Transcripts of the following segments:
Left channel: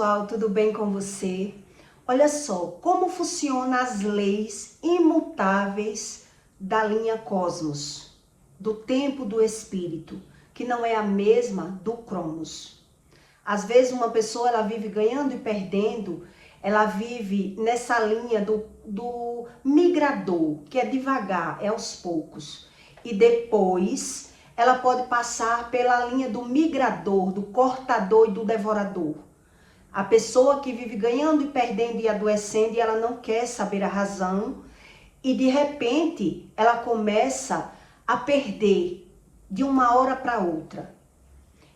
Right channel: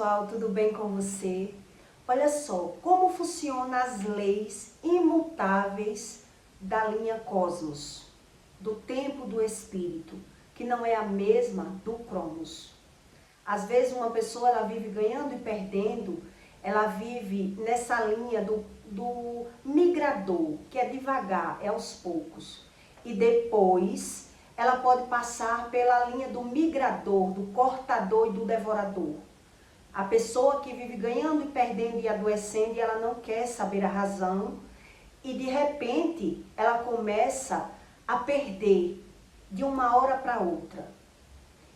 pessoal, tudo bem com você? Olha só, como funcionam as leis imutáveis da linha Cosmos, do tempo do espírito, que não é a mesma do Cronos. Às vezes uma pessoa ela vive ganhando e perdendo, ela vive nessa linha do migrador, que é devagar, é aos poucos. E depois ela pode passar pela linha do migrador, do cortador e do devorador. A pessoa que vive ganhando e perdendo e adoecendo e ela não quer saber a razão e de repente ela começa a perder de uma hora para outra.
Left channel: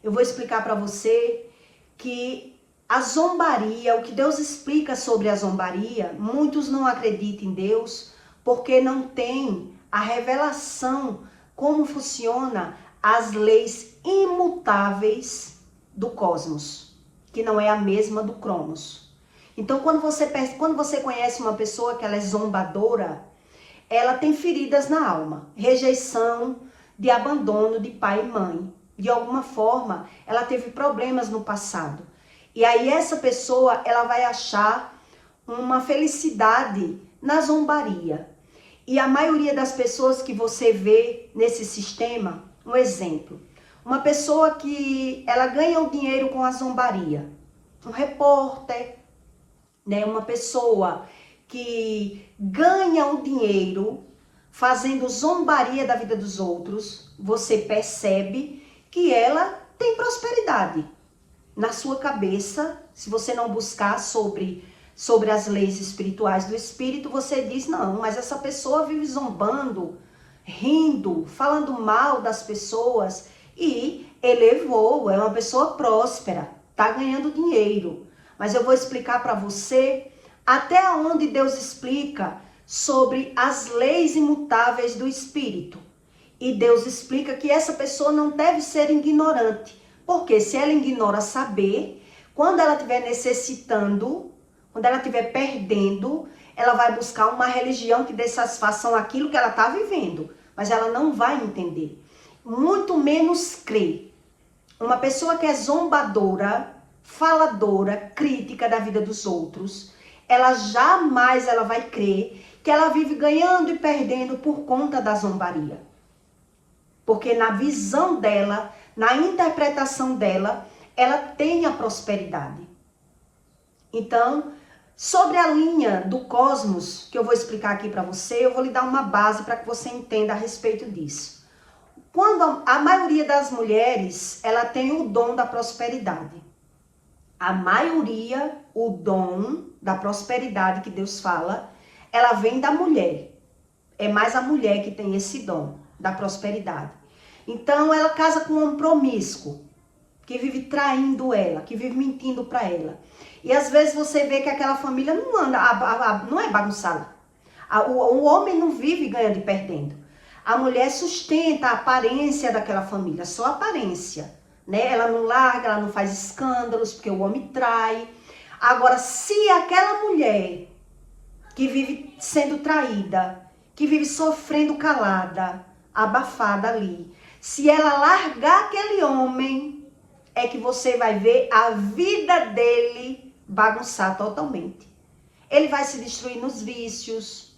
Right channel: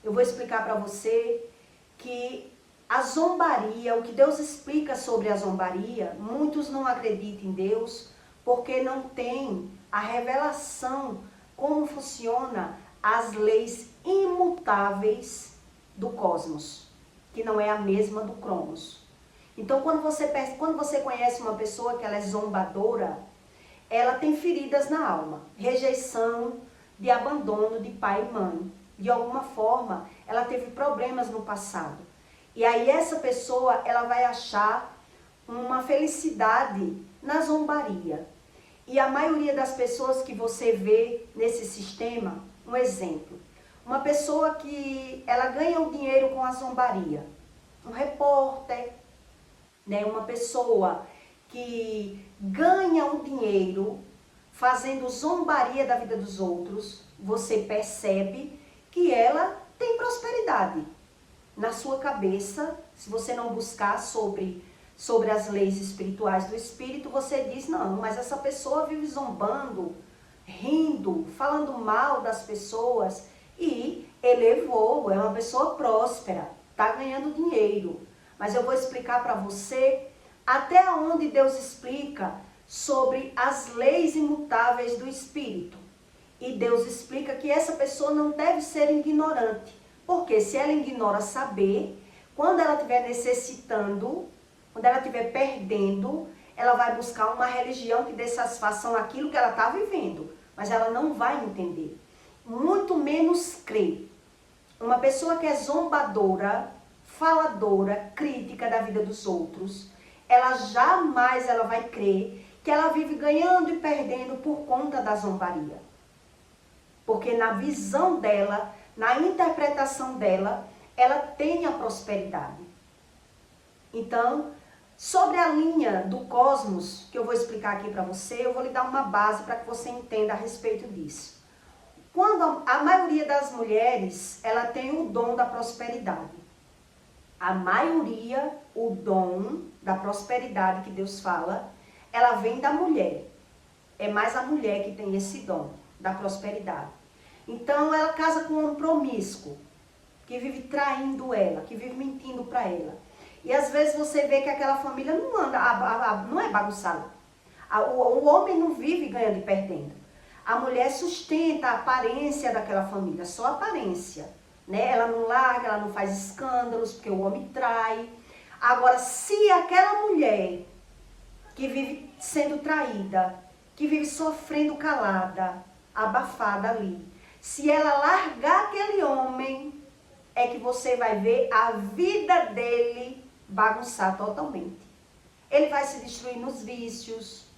Eu vou explicar para você que a zombaria, o que Deus explica sobre a zombaria, muitos não acreditam em Deus porque não tem a revelação como funciona as leis imutáveis do cosmos, que não é a mesma do Cronos. Então, quando você conhece uma pessoa que ela é zombadora, ela tem feridas na alma, rejeição, de abandono de pai e mãe. De alguma forma, ela teve problemas no passado. E aí essa pessoa, ela vai achar uma felicidade na zombaria. E a maioria das pessoas que você vê nesse sistema, um exemplo, uma pessoa que ela ganha o dinheiro com a zombaria, um repórter, né, uma pessoa que ganha o dinheiro fazendo zombaria da vida dos outros, você percebe que ela tem prosperidade. Na sua cabeça, se você não buscar sobre as leis espirituais do espírito, você diz, não, mas essa pessoa vive zombando, rindo, falando mal das pessoas e elevou, é uma pessoa próspera, tá ganhando dinheiro. Mas eu vou explicar para você até onde Deus explica sobre as leis imutáveis do espírito. E Deus explica que essa pessoa não deve ser ignorante, porque se ela ignora saber, quando ela estiver necessitando, quando ela estiver perdendo, ela vai buscar uma religião que dê satisfação àquilo que ela está vivendo, mas ela não vai entender, muito menos crer. Uma pessoa que é zombadora, faladora, crítica da vida dos outros, ela jamais vai crer que ela vive ganhando e perdendo por conta da zombaria. Porque na visão dela, na interpretação dela, ela tem a prosperidade. Então, sobre a linha do cosmos, que eu vou explicar aqui para você, eu vou lhe dar uma base para que você entenda a respeito disso. Quando a maioria das mulheres, ela tem o dom da prosperidade. A maioria, o dom da prosperidade que Deus fala, ela vem da mulher. É mais a mulher que tem esse dom da prosperidade. Então, ela casa com um homem promíscuo, que vive traindo ela, que vive mentindo para ela. E às vezes você vê que aquela família não anda, não é bagunçada. O homem não vive ganhando e perdendo. A mulher sustenta a aparência daquela família, só a aparência, né? Ela não larga, ela não faz escândalos, porque o homem trai. Agora, se aquela mulher que vive sendo traída, que vive sofrendo calada, abafada ali, se ela largar aquele homem, é que você vai ver a vida dele bagunçar totalmente. Ele vai se destruir nos vícios,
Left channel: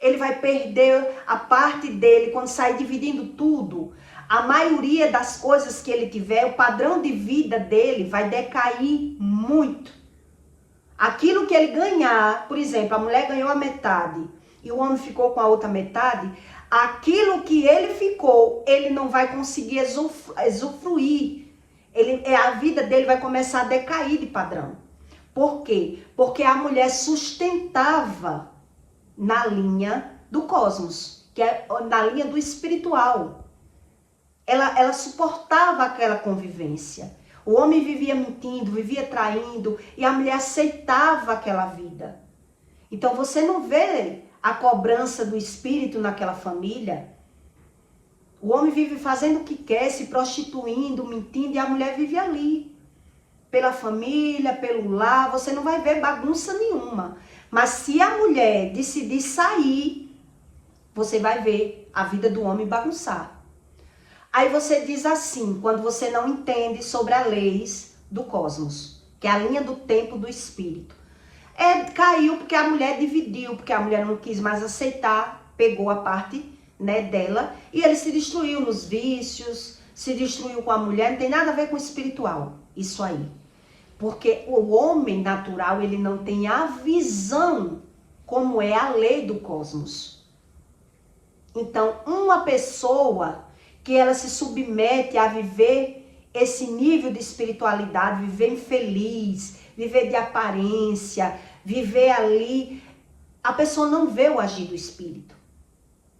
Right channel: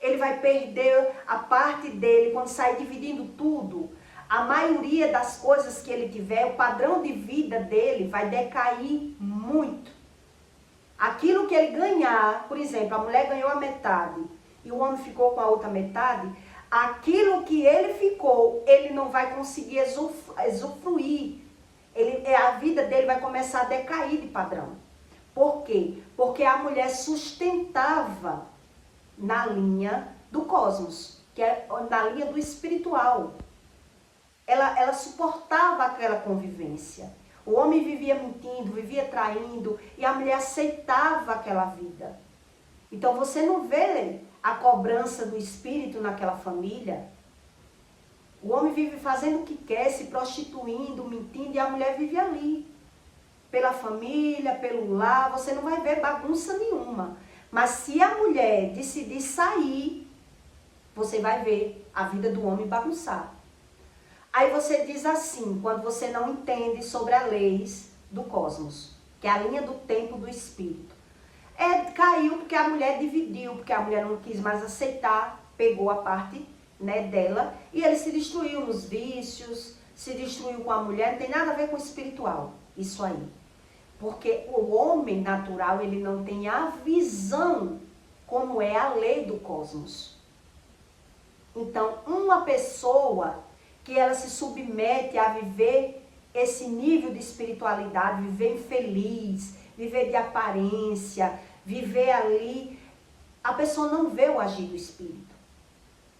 ele vai perder a parte dele quando sair dividindo tudo. A maioria das coisas que ele tiver, o padrão de vida dele vai decair muito. Aquilo que ele ganhar, por exemplo, a mulher ganhou a metade e o homem ficou com a outra metade, aquilo que ele ficou, ele não vai conseguir usufruir. A vida dele vai começar a decair de padrão. Por quê? Porque a mulher sustentava na linha do cosmos, que é na linha do espiritual. Ela suportava aquela convivência. O homem vivia mentindo, vivia traindo, e a mulher aceitava aquela vida. Então você não vê a cobrança do espírito naquela família. O homem vive fazendo o que quer, se prostituindo, mentindo, e a mulher vive ali. Pela família, pelo lar, você não vai ver bagunça nenhuma. Mas se a mulher decidir sair, você vai ver a vida do homem bagunçar. Aí você diz assim, quando você não entende sobre as leis do cosmos. que é a linha do tempo do espírito. Caiu porque a mulher dividiu, porque a mulher não quis mais aceitar, pegou a parte, né, dela, e ele se destruiu nos vícios, se destruiu com a mulher, não tem nada a ver com o espiritual, isso aí. Porque o homem natural, ele não tem a visão como é a lei do cosmos. Então, uma pessoa que ela se submete a viver esse nível de espiritualidade, viver infeliz, viver de aparência, viver ali, a pessoa não vê o agir do espírito.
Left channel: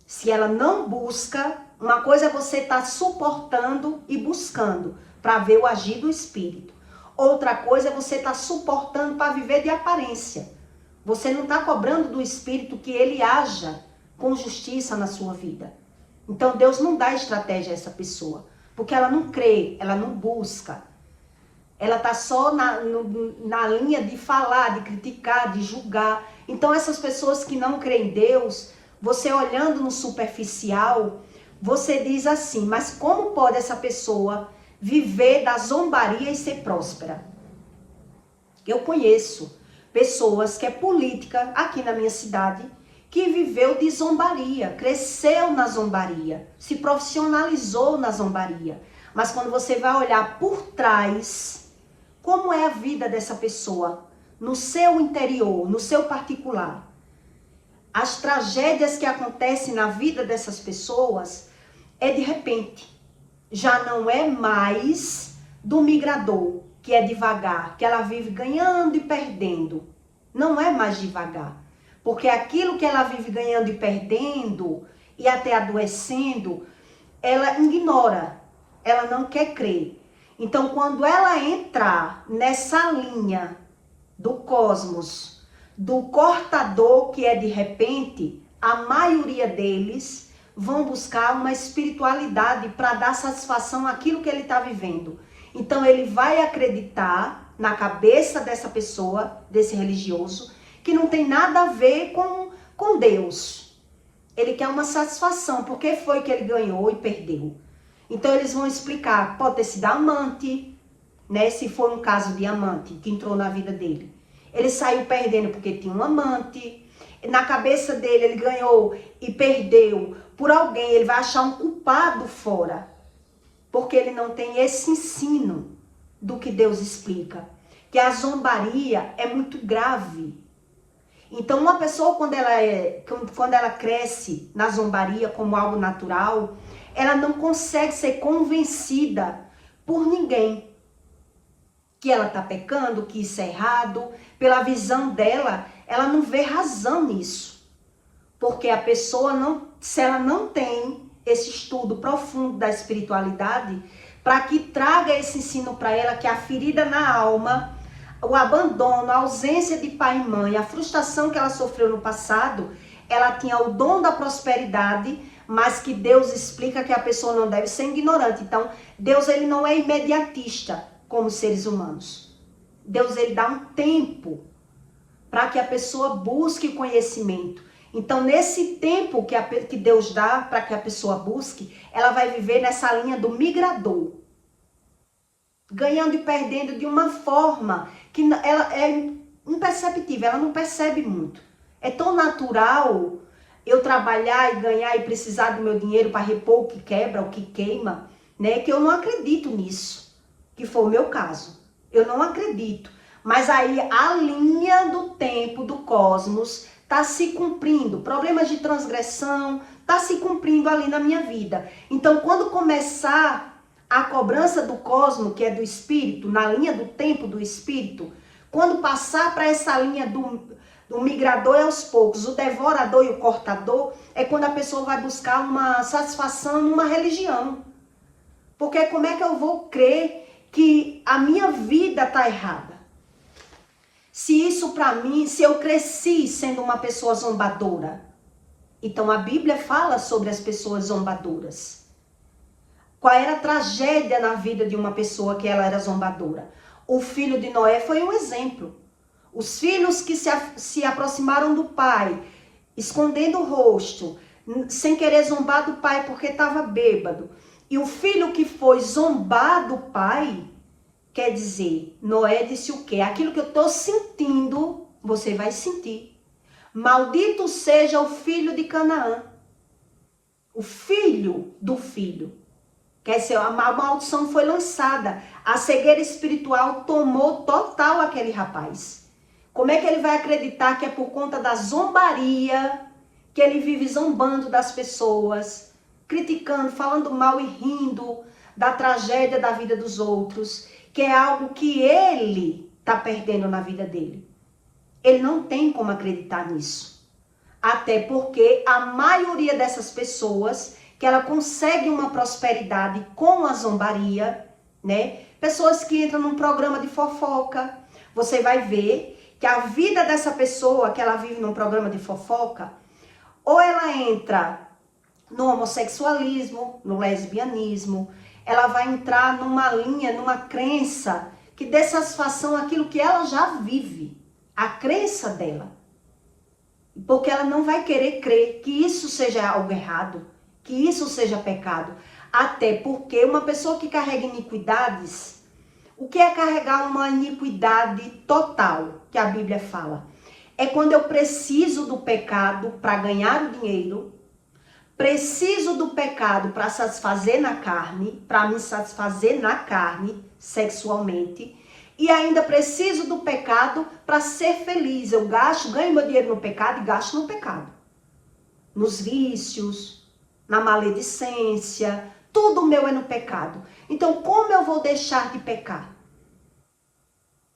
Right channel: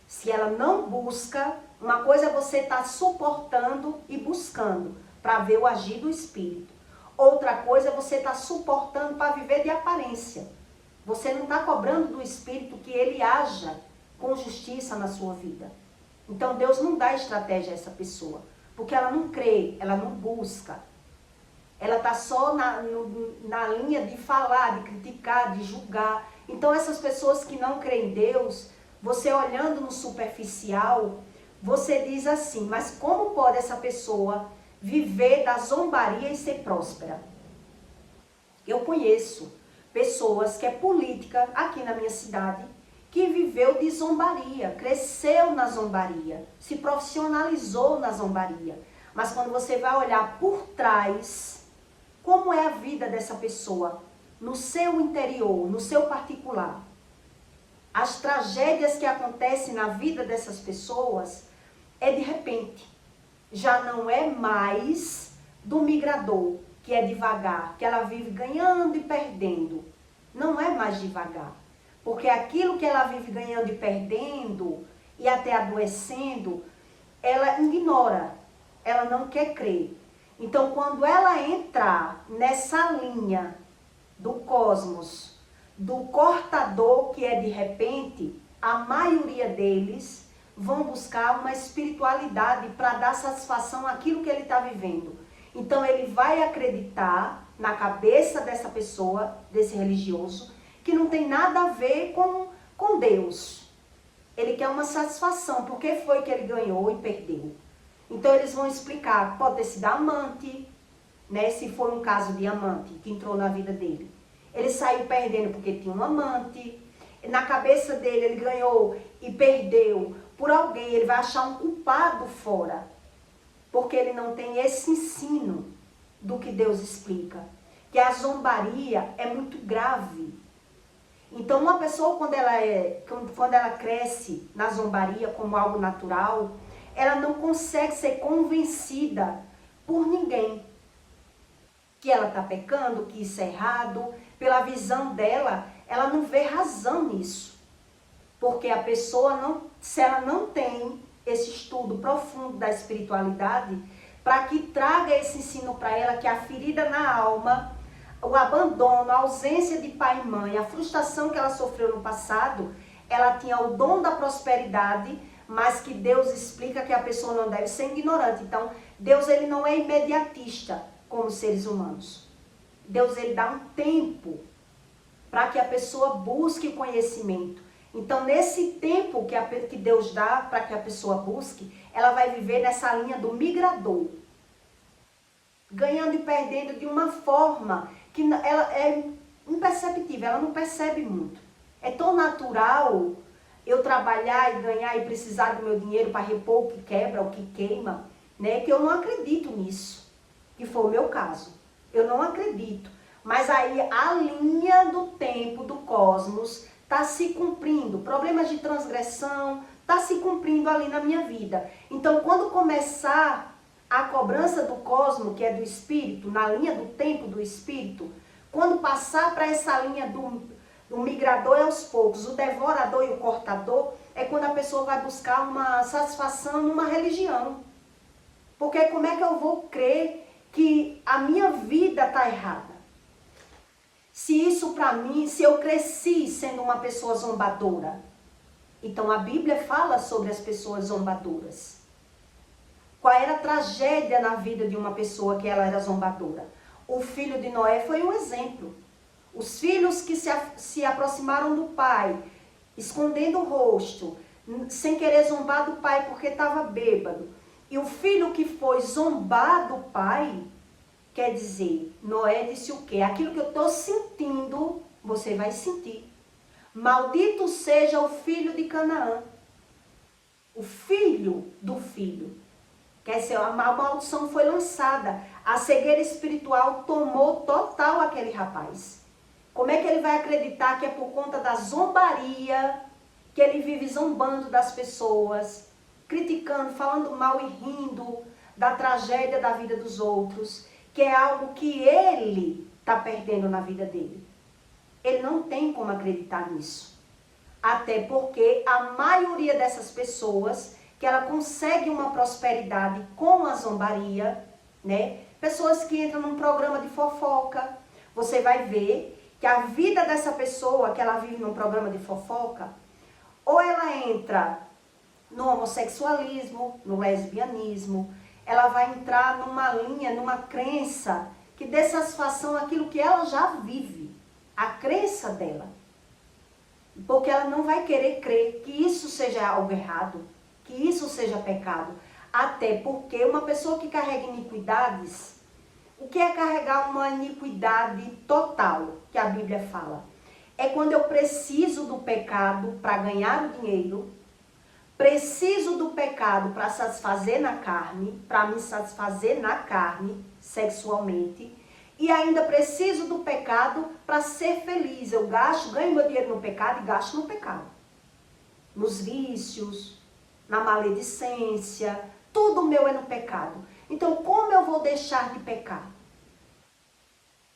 Se ela não busca, uma coisa é você estar suportando e buscando para ver o agir do espírito. Outra coisa é você estar suportando para viver de aparência. Você não está cobrando do espírito que ele haja com justiça na sua vida. Então Deus não dá estratégia a essa pessoa, porque ela não crê, ela não busca. Ela está só na linha de falar, de criticar, de julgar. Então essas pessoas que não creem em Deus, você olhando no superficial, você diz assim, mas como pode essa pessoa viver da zombaria e ser próspera? Eu conheço pessoas que é política aqui na minha cidade, que viveu de zombaria, cresceu na zombaria, se profissionalizou na zombaria. Mas quando você vai olhar por trás, como é a vida dessa pessoa, no seu interior, no seu particular, as tragédias que acontecem na vida dessas pessoas é de repente. Já não é mais do migrador, que é devagar, que ela vive ganhando e perdendo. Não é mais devagar. Porque aquilo que ela vive ganhando e perdendo, e até adoecendo, ela ignora, ela não quer crer. Então, quando ela entrar nessa linha do cosmos, do cortador que é de repente, a maioria deles vão buscar uma espiritualidade para dar satisfação àquilo que ele está vivendo. Então, ele vai acreditar na cabeça dessa pessoa, desse religioso, que não tem nada a ver com Deus. Ele quer uma satisfação, porque foi que ele ganhou e perdeu. Então eles vão explicar, pode ter sido amante, né? Se for um caso de amante que entrou na vida dele. Ele saiu perdendo porque tinha um amante. Na cabeça dele ele ganhou e perdeu por alguém. Ele vai achar um culpado fora. Porque ele não tem esse ensino do que Deus explica. Que a zombaria é muito grave. Então, uma pessoa, quando ela cresce na zombaria como algo natural, ela não consegue ser convencida por ninguém que ela está pecando, que isso é errado. Pela visão dela, ela não vê razão nisso. Porque a pessoa, se ela não tem esse estudo profundo da espiritualidade, para que traga esse ensino para ela, que a ferida na alma, o abandono, a ausência de pai e mãe, a frustração que ela sofreu no passado, ela tinha o dom da prosperidade, mas que Deus explica que a pessoa não deve ser ignorante. Então, Deus ele não é imediatista como seres humanos. Deus ele dá um tempo para que a pessoa busque conhecimento. Então, nesse tempo que Deus dá para que a pessoa busque, ela vai viver nessa linha do migrador. Ganhando e perdendo de uma forma que ela é imperceptível, ela não percebe muito. É tão natural eu trabalhar e ganhar e precisar do meu dinheiro para repor o que quebra, o que queima, né? Que eu não acredito nisso, que foi o meu caso. Eu não acredito. Mas aí a linha do tempo, do cosmos, está se cumprindo. Problemas de transgressão, está se cumprindo ali na minha vida. Então, quando começar a cobrança do cosmo, que é do espírito, na linha do tempo do espírito, quando passar para essa linha do migrador é aos poucos, o devorador e o cortador, é quando a pessoa vai buscar uma satisfação numa religião. Porque como é que eu vou crer que a minha vida está errada? Se isso para mim, se eu cresci sendo uma pessoa zombadora. Então a Bíblia fala sobre as pessoas zombadoras. Qual era a tragédia na vida de uma pessoa que ela era zombadora? O filho de Noé foi um exemplo. Os filhos que se aproximaram do pai, escondendo o rosto, sem querer zombar do pai porque estava bêbado. E o filho que foi zombar do pai, Quer dizer, Noé disse o quê? Aquilo que eu estou sentindo, você vai sentir. Maldito seja o filho de Canaã. O filho do filho. Quer dizer, a maldição foi lançada. A cegueira espiritual tomou total aquele rapaz. Como é que ele vai acreditar que é por conta da zombaria, que ele vive zombando das pessoas, criticando, falando mal e rindo da tragédia da vida dos outros, que é algo que ele está perdendo na vida dele? Ele não tem como acreditar nisso. Até porque a maioria dessas pessoas, que ela consegue uma prosperidade com a zombaria, né? Pessoas que entram num programa de fofoca, você vai ver que a vida dessa pessoa, que ela vive num programa de fofoca, ou ela entra no homossexualismo, no lesbianismo, ela vai entrar numa linha, numa crença que dê satisfação àquilo que ela já vive, a crença dela. Porque ela não vai querer crer que isso seja algo errado, que isso seja pecado. Até porque uma pessoa que carrega iniquidades, o que é carregar uma iniquidade total, que a Bíblia fala? É quando eu preciso do pecado para ganhar o dinheiro, preciso do pecado para satisfazer na carne, para me satisfazer na carne, sexualmente, e ainda preciso do pecado para ser feliz. Eu ganho meu dinheiro no pecado e gasto no pecado. Nos vícios, na maledicência, tudo meu é no pecado. Então, como eu vou deixar de pecar?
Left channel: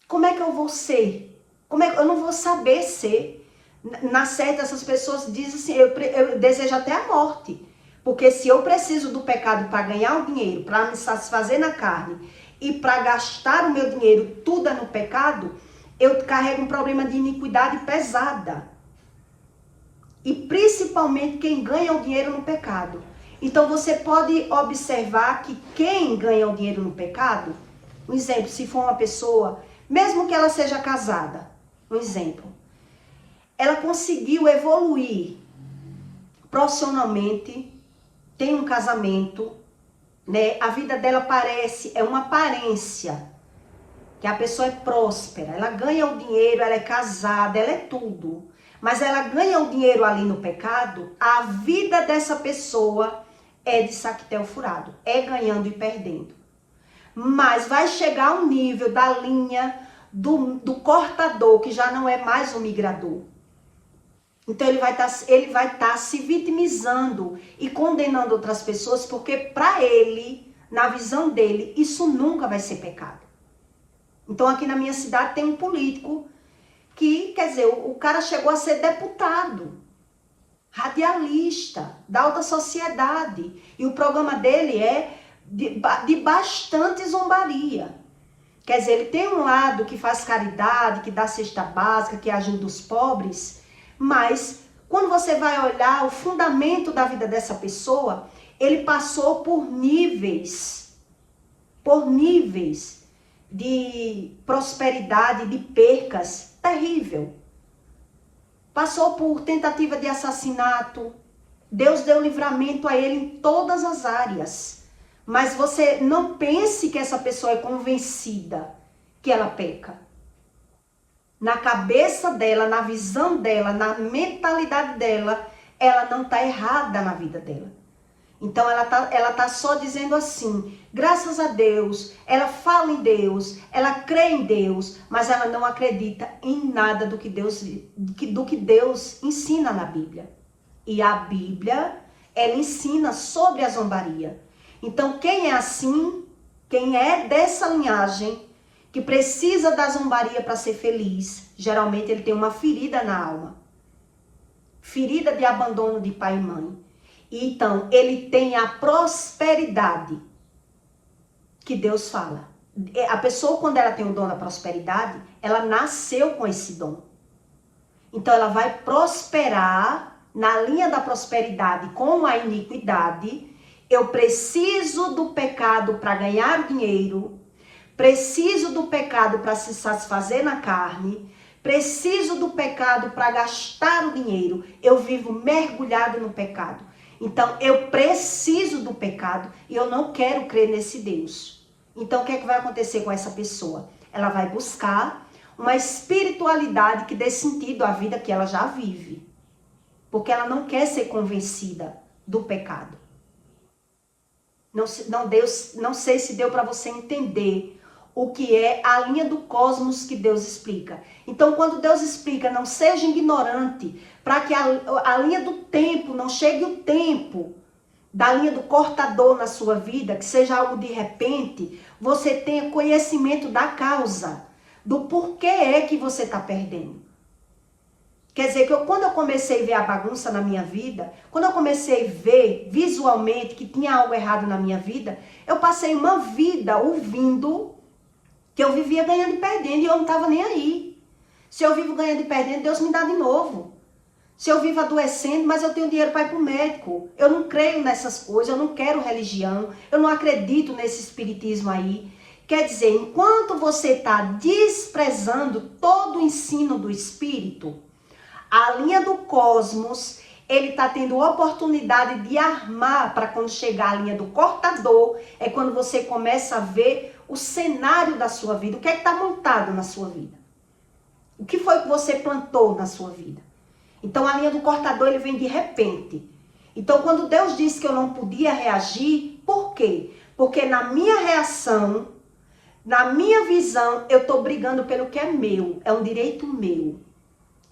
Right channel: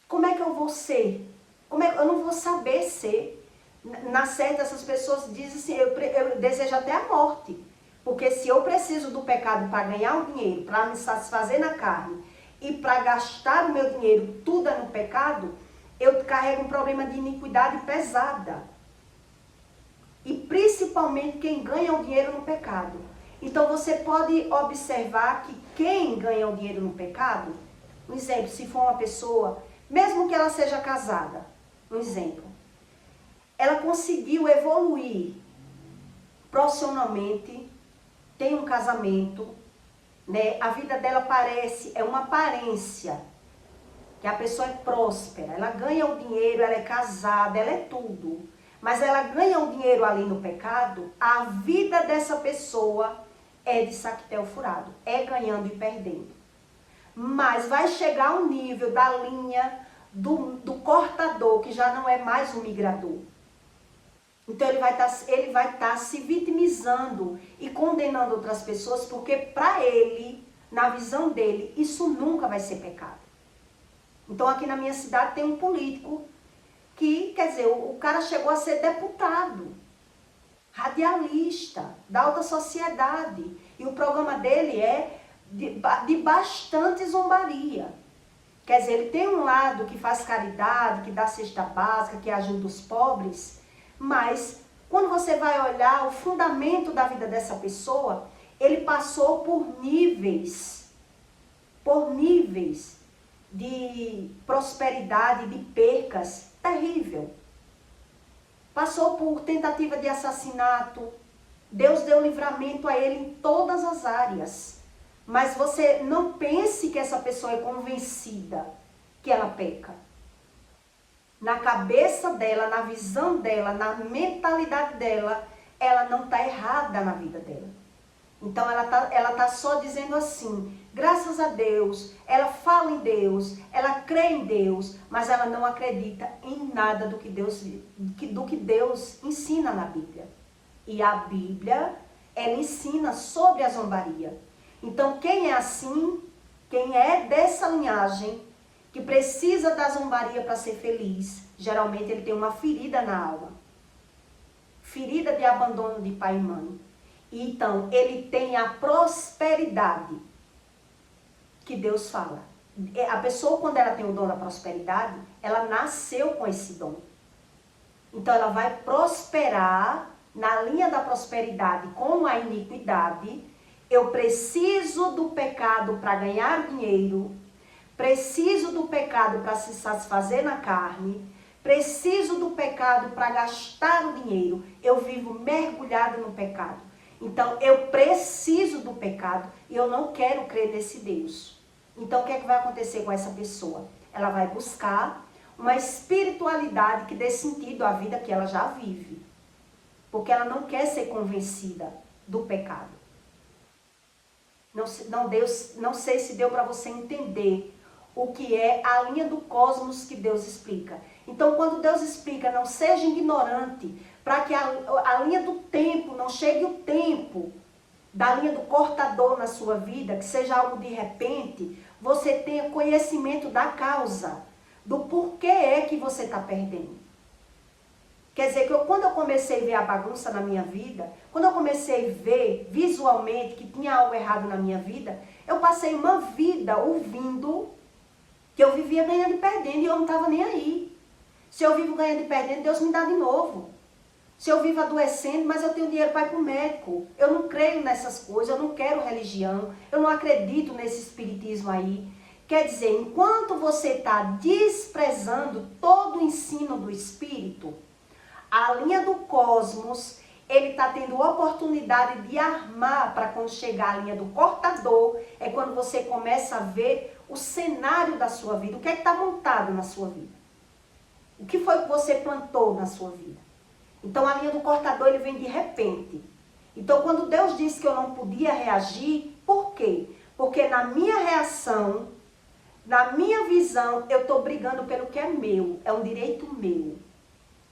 Como é que eu vou ser? Eu não vou saber ser. Na certa, essas pessoas dizem assim, eu desejo até a morte. Porque se eu preciso do pecado para ganhar o dinheiro, para me satisfazer na carne, e para gastar o meu dinheiro tudo é no pecado, eu carrego um problema de iniquidade pesada. E principalmente quem ganha o dinheiro no pecado. Então você pode observar que quem ganha o dinheiro no pecado, um exemplo, se for uma pessoa, mesmo que ela seja casada, um exemplo, ela conseguiu evoluir profissionalmente, tem um casamento, né? A vida dela é uma aparência, que a pessoa é próspera, ela ganha o dinheiro, ela é casada, ela é tudo. Mas ela ganha o dinheiro ali no pecado, a vida dessa pessoa é de saquetel furado, é ganhando e perdendo. Mas vai chegar ao nível da linha do cortador, que já não é mais um migrador. Então ele vai estar se vitimizando e condenando outras pessoas, porque para ele, na visão dele, isso nunca vai ser pecado. Então aqui na minha cidade tem um político que, quer dizer, o cara chegou a ser deputado, radialista, da alta sociedade. E o programa dele é de bastante zombaria. Quer dizer, ele tem um lado que faz caridade, que dá cesta básica, que ajuda os pobres, mas quando você vai olhar o fundamento da vida dessa pessoa, ele passou por níveis de prosperidade, de percas, terrível. Passou por tentativa de assassinato. Deus deu livramento a ele em todas as áreas. Mas você não pense que essa pessoa é convencida que ela peca. Na cabeça dela, na visão dela, na mentalidade dela, ela não está errada na vida dela. Então ela tá só dizendo assim, graças a Deus, ela fala em Deus, ela crê em Deus, mas ela não acredita em nada do que Deus ensina na Bíblia. E a Bíblia, ela ensina sobre a zombaria. Então quem é assim, quem é dessa linhagem, que precisa da zombaria para ser feliz, geralmente ele tem uma ferida na alma. Ferida de abandono de pai e mãe. Então, ele tem a prosperidade que Deus fala. A pessoa, quando ela tem o dom da prosperidade, ela nasceu com esse dom. Então, ela vai prosperar na linha da prosperidade com a iniquidade. Eu preciso do pecado para ganhar dinheiro. Preciso do pecado para se satisfazer na carne. Preciso do pecado para gastar o dinheiro. Eu vivo mergulhado no pecado. Então, eu preciso do pecado e eu não quero crer nesse Deus. Então, o que é que vai acontecer com essa pessoa? Ela vai buscar uma espiritualidade que dê sentido à vida que ela já vive. Porque ela não quer ser convencida do pecado. Não sei se deu para você entender o que é a linha do cosmos que Deus explica. Então, quando Deus explica, não seja ignorante, para que a linha do tempo, não chegue o tempo da linha do cortador na sua vida, que seja algo de repente, você tenha conhecimento da causa, do porquê é que você está perdendo. Quer dizer, que quando eu comecei a ver a bagunça na minha vida, quando eu comecei a ver visualmente que tinha algo errado na minha vida, eu passei uma vida ouvindo que eu vivia ganhando e perdendo e eu não estava nem aí. Se eu vivo ganhando e perdendo, Deus me dá de novo. Se eu vivo adoecendo, mas eu tenho dinheiro para ir para o médico. Eu não creio nessas coisas, eu não quero religião, eu não acredito nesse espiritismo aí. Quer dizer, enquanto você está desprezando todo o ensino do espírito, a linha do cosmos, ele está tendo oportunidade de armar para quando chegar a linha do cortador, é quando você começa a ver o cenário da sua vida, o que é que está montado na sua vida. O que foi que você plantou na sua vida. Então a linha do cortador, ele vem de repente. Então quando Deus disse que eu não podia reagir, por quê? Porque na minha reação, na minha visão, eu estou brigando pelo que é meu, é um direito meu.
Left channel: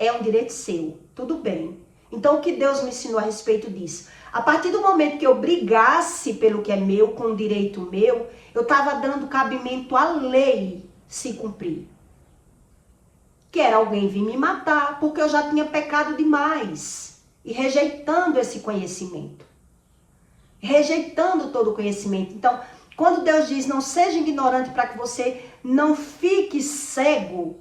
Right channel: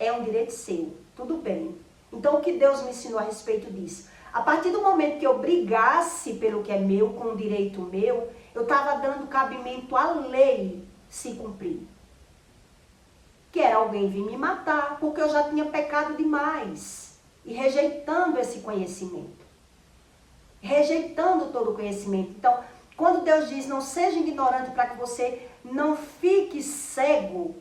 É um direito seu, tudo bem. Então, o que Deus me ensinou a respeito disso? A partir do momento que eu brigasse pelo que é meu, com o direito meu, eu estava dando cabimento à lei se cumprir. Que era alguém vir me matar, porque eu já tinha pecado demais. E rejeitando esse conhecimento. Rejeitando todo o conhecimento. Então, quando Deus diz, não seja ignorante para que você não fique cego,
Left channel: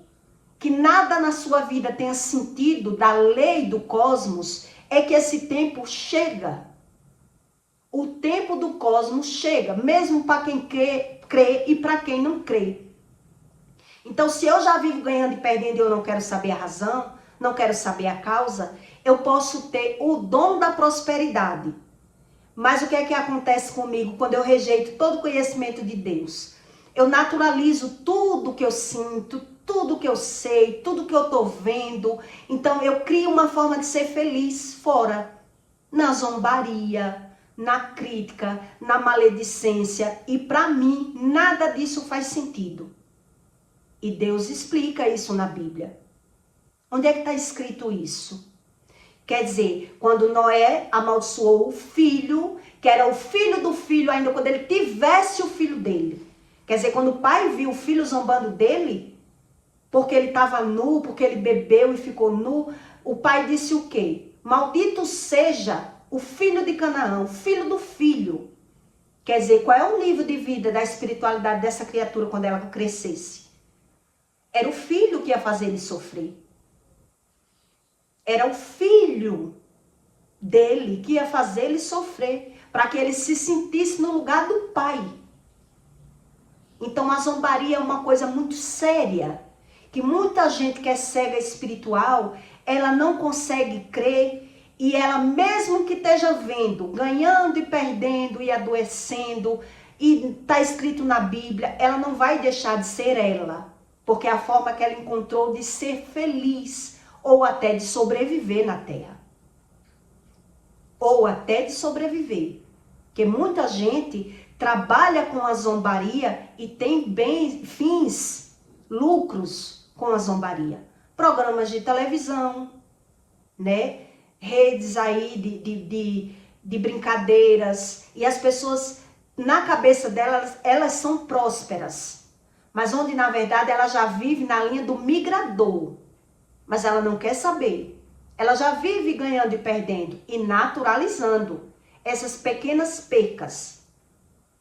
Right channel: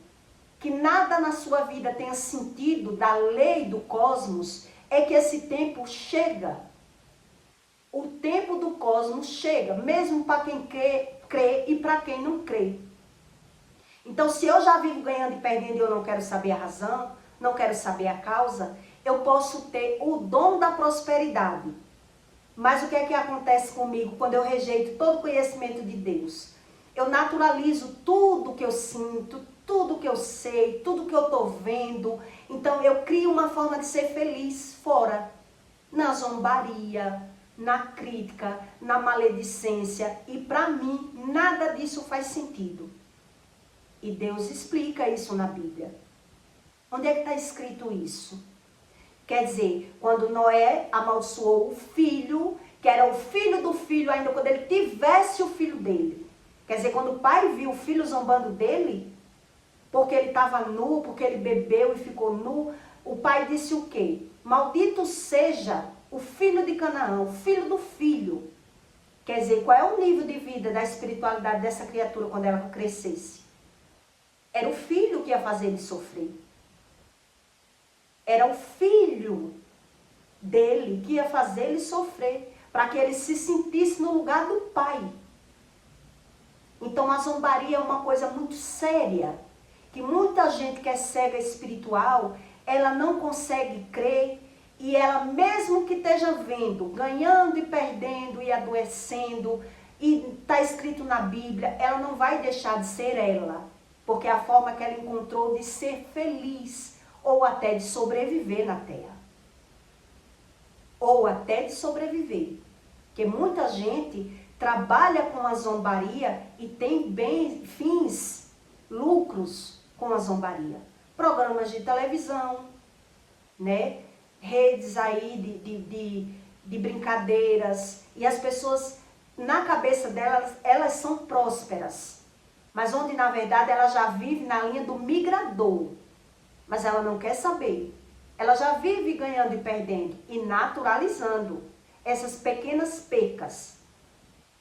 que nada na sua vida tenha sentido da lei do cosmos, é que esse tempo chega. O tempo do cosmos chega, mesmo para quem crê e para quem não crê. Então, se eu já vivo ganhando e perdendo e eu não quero saber a razão, não quero saber a causa, eu posso ter o dom da prosperidade. Mas o que é que acontece comigo quando eu rejeito todo o conhecimento de Deus? Eu naturalizo tudo que eu sinto, tudo que eu sei, tudo que eu estou vendo. Então eu crio uma forma de ser feliz fora. Na zombaria, na crítica, na maledicência. E para mim, nada disso faz sentido. E Deus explica isso na Bíblia. Onde é que está escrito isso? Quer dizer, quando Noé amaldiçoou o filho, que era o filho do filho ainda quando ele tivesse o filho dele. Quer dizer, quando o pai viu o filho zombando dele, porque ele estava nu, porque ele bebeu e ficou nu, o pai disse o quê? Maldito seja o filho de Canaã, o filho do filho. Quer dizer, qual é o nível de vida, da espiritualidade dessa criatura quando ela crescesse? Era o filho que ia fazer ele sofrer. Era o filho dele que ia fazer ele sofrer, para que ele se sentisse no lugar do pai. Então a zombaria é uma coisa muito séria, que muita gente que é cega espiritual, ela não consegue crer, e ela mesmo que esteja vendo, ganhando e perdendo e adoecendo, e está escrito na Bíblia, ela não vai deixar de ser ela, porque é a forma que ela encontrou de ser feliz, ou até de sobreviver na terra. Ou até de sobreviver. Porque muita gente trabalha com a zombaria e tem fins, lucros com a zombaria. Programas de televisão, né? Redes aí de brincadeiras. E as pessoas, na cabeça delas, elas são prósperas. Mas onde, na verdade, ela já vive na linha do migrador. Mas ela não quer saber. Ela já vive ganhando e perdendo e naturalizando essas pequenas percas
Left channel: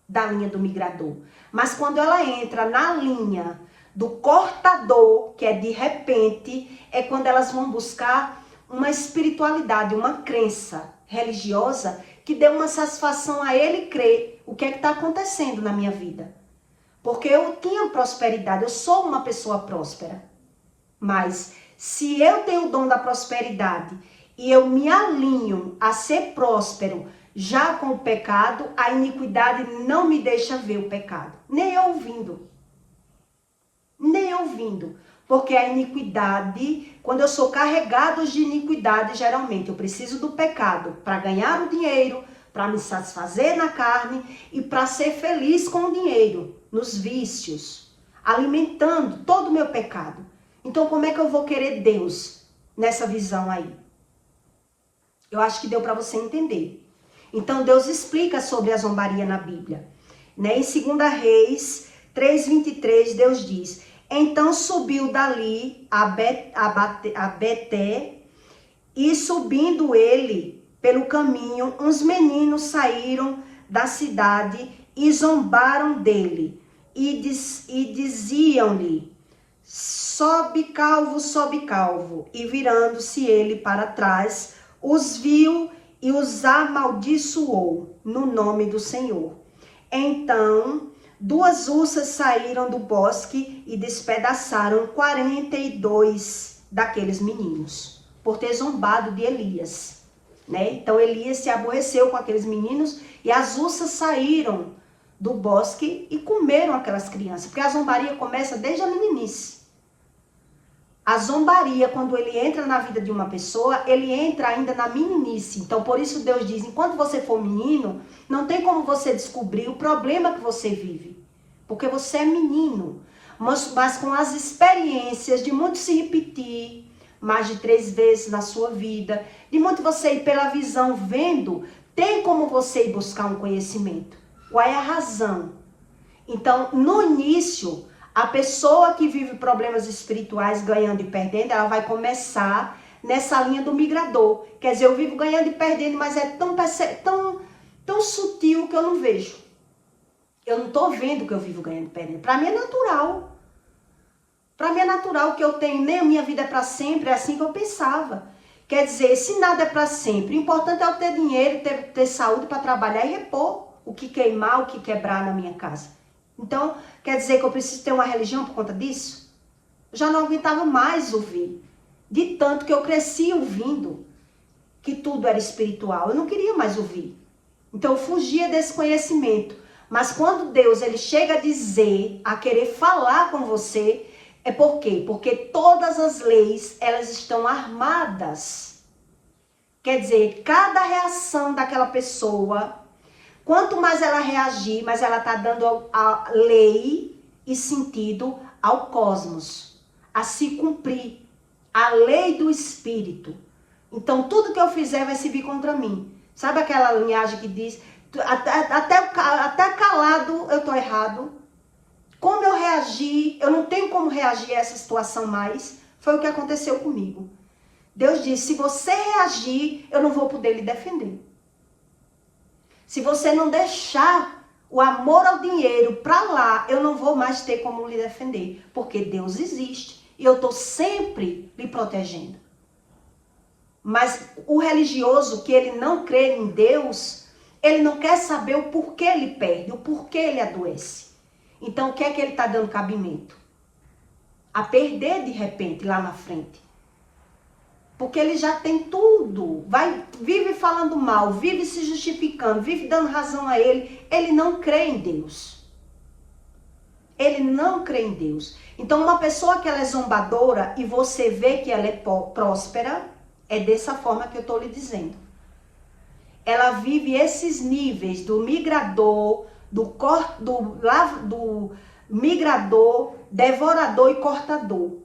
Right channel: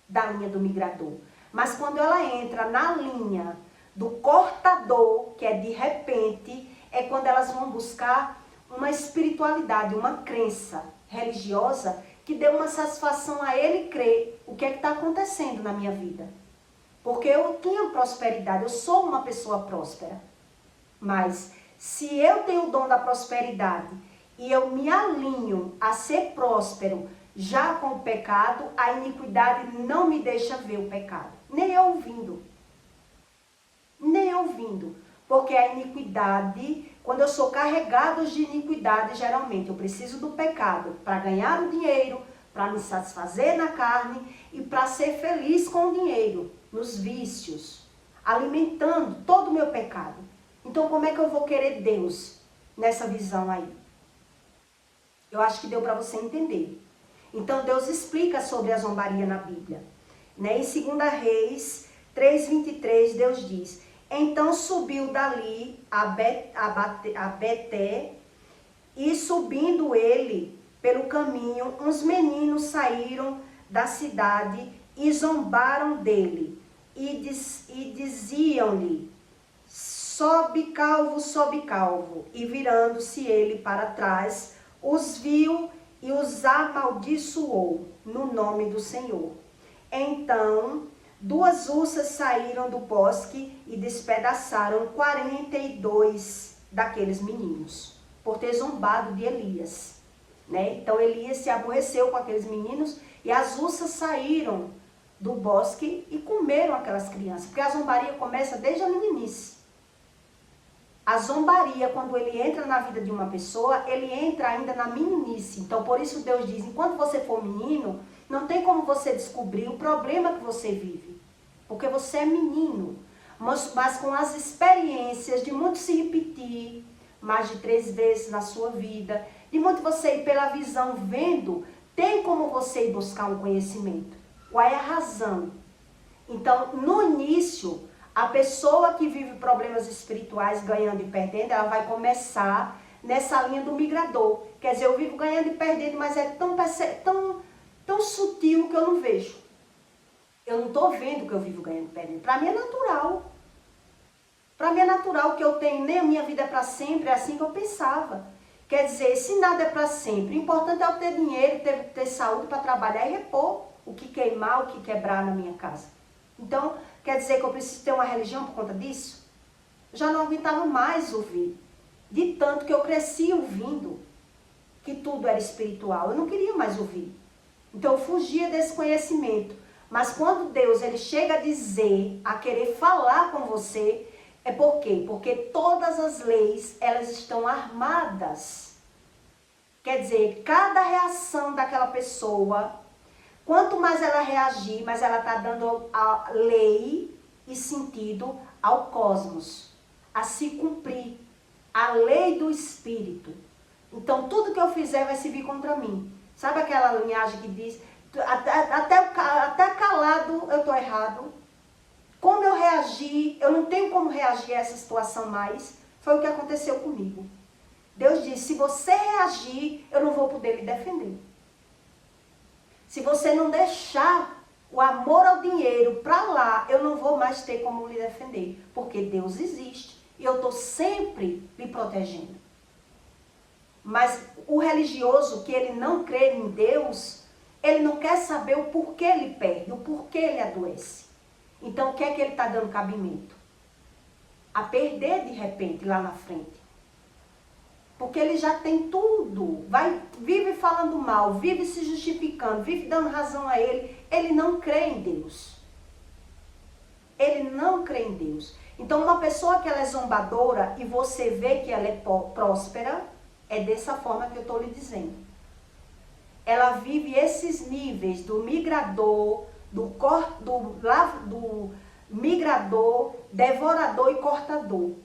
da linha do migrador. Mas quando ela entra na linha do cortador, que é de repente, é quando elas vão buscar uma espiritualidade, uma crença religiosa que dê uma satisfação a ele crer o que é que está acontecendo na minha vida. Porque eu tinha prosperidade, eu sou uma pessoa próspera. Mas se eu tenho o dom da prosperidade e eu me alinho a ser próspero Já com o pecado, a iniquidade não me deixa ver o pecado, nem ouvindo. Nem ouvindo. Porque a iniquidade, quando eu sou carregado de iniquidade, geralmente eu preciso do pecado para ganhar o dinheiro, para me satisfazer na carne e para ser feliz com o dinheiro, nos vícios, alimentando todo o meu pecado. Então, como é que eu vou querer Deus nessa visão aí? Eu acho que deu para você entender. Então, Deus explica sobre a zombaria na Bíblia. Né? Em 2 Reis 3:23, Deus diz: então subiu dali a Beté, e subindo ele pelo caminho, uns meninos saíram da cidade e zombaram dele, e diziam-lhe: sobe calvo, e virando-se ele para trás, os viu e os amaldiçoou no nome do Senhor. Então 2 ursas saíram do bosque e despedaçaram 42 daqueles meninos, por ter zombado de Elias. Né? Então Elias se aborreceu com aqueles meninos e as ursas saíram do bosque e comeram aquelas crianças, porque a zombaria começa desde a meninice. A zombaria, quando ele entra na vida de uma pessoa, ele entra ainda na meninice. Então, por isso Deus diz, enquanto você for menino, não tem como você descobrir o problema que você vive. Porque você é menino. Mas com as experiências de muito se repetir, mais de 3 vezes na sua vida, de muito você ir pela visão vendo, tem como você ir buscar um conhecimento. Qual é a razão? Então, no início, a pessoa que vive problemas espirituais, ganhando e perdendo, ela vai começar nessa linha do migrador. Quer dizer, eu vivo ganhando e perdendo, mas é tão sutil que eu não vejo. Eu não estou vendo que eu vivo ganhando e perdendo. Para mim é natural. Para mim é natural que eu tenho, nem a minha vida é para sempre, é assim que eu pensava. Quer dizer, se nada é para sempre, o importante é eu ter dinheiro, ter saúde para trabalhar e repor o que queimar, o que quebrar na minha casa. Então, quer dizer que eu preciso ter uma religião por conta disso? Eu já não aguentava mais ouvir. De tanto que eu cresci ouvindo que tudo era espiritual. Eu não queria mais ouvir. Então, eu fugia desse conhecimento. Mas quando Deus ele chega a dizer, a querer falar com você, é por quê? Porque todas as leis, elas estão armadas. Quer dizer, cada reação daquela pessoa, quanto mais ela reagir, mais ela está dando a lei e sentido ao cosmos, a se cumprir, a lei do espírito. Então, tudo que eu fizer vai se vir contra mim. Sabe aquela linhagem que diz, até calado eu estou errado. Como eu reagi, eu não tenho como reagir a essa situação mais. Foi o que aconteceu comigo. Deus disse, se você reagir, eu não vou poder lhe defender. Se você não deixar o amor ao dinheiro para lá, eu não vou mais ter como lhe defender. Porque Deus existe e eu estou sempre lhe protegendo. Mas o religioso que ele não crê em Deus, ele não quer saber o porquê ele perde, o porquê ele adoece. Então, o que é que ele está dando cabimento? A perder de repente lá na frente. Porque ele já tem tudo, vive falando mal, vive se justificando, vive dando razão a ele. Ele não crê em Deus. Ele não crê em Deus. Então, uma pessoa que ela é zombadora e você vê que ela é próspera, é dessa forma que eu estou lhe dizendo. Ela vive esses níveis do migrador, do migrador, devorador e cortador.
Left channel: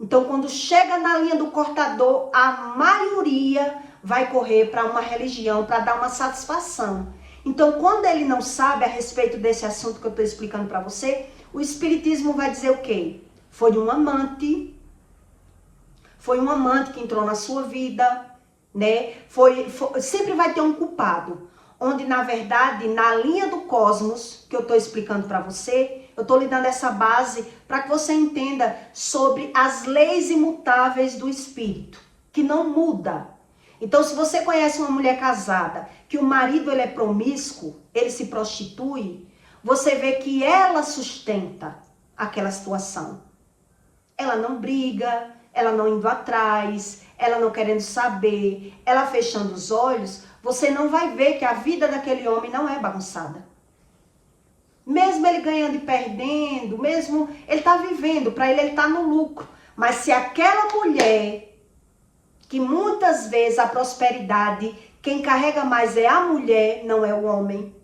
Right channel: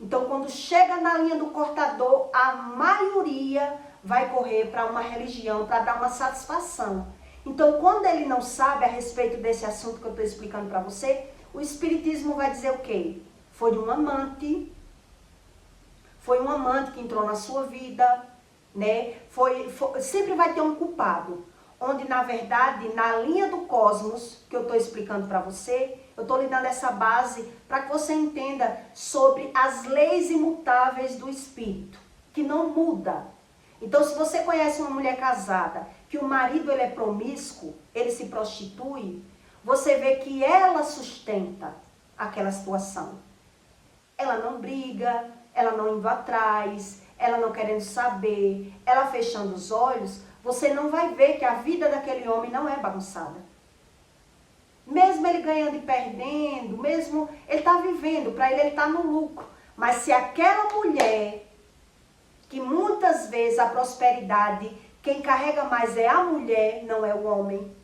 Então, quando chega na linha do cortador, a maioria vai correr para uma religião, para dar uma satisfação. Então, quando ele não sabe a respeito desse assunto que eu estou explicando para você, o espiritismo vai dizer o quê? Foi um amante que entrou na sua vida, né? Sempre vai ter um culpado. Onde, na verdade, na linha do cosmos, que eu estou explicando para você, eu estou lhe dando essa base para que você entenda sobre as leis imutáveis do espírito, que não muda. Então, se você conhece uma mulher casada, que o marido ele é promíscuo, ele se prostitui, você vê que ela sustenta aquela situação. Ela não briga, ela não indo atrás, ela não querendo saber, ela fechando os olhos. você não vai ver que a vida daquele homem não é bagunçada. Mesmo ele ganhando e perdendo, mesmo ele está vivendo, para ele está no lucro. Mas se aquela mulher, que muitas vezes a prosperidade, quem carrega mais é a mulher, não é o homem.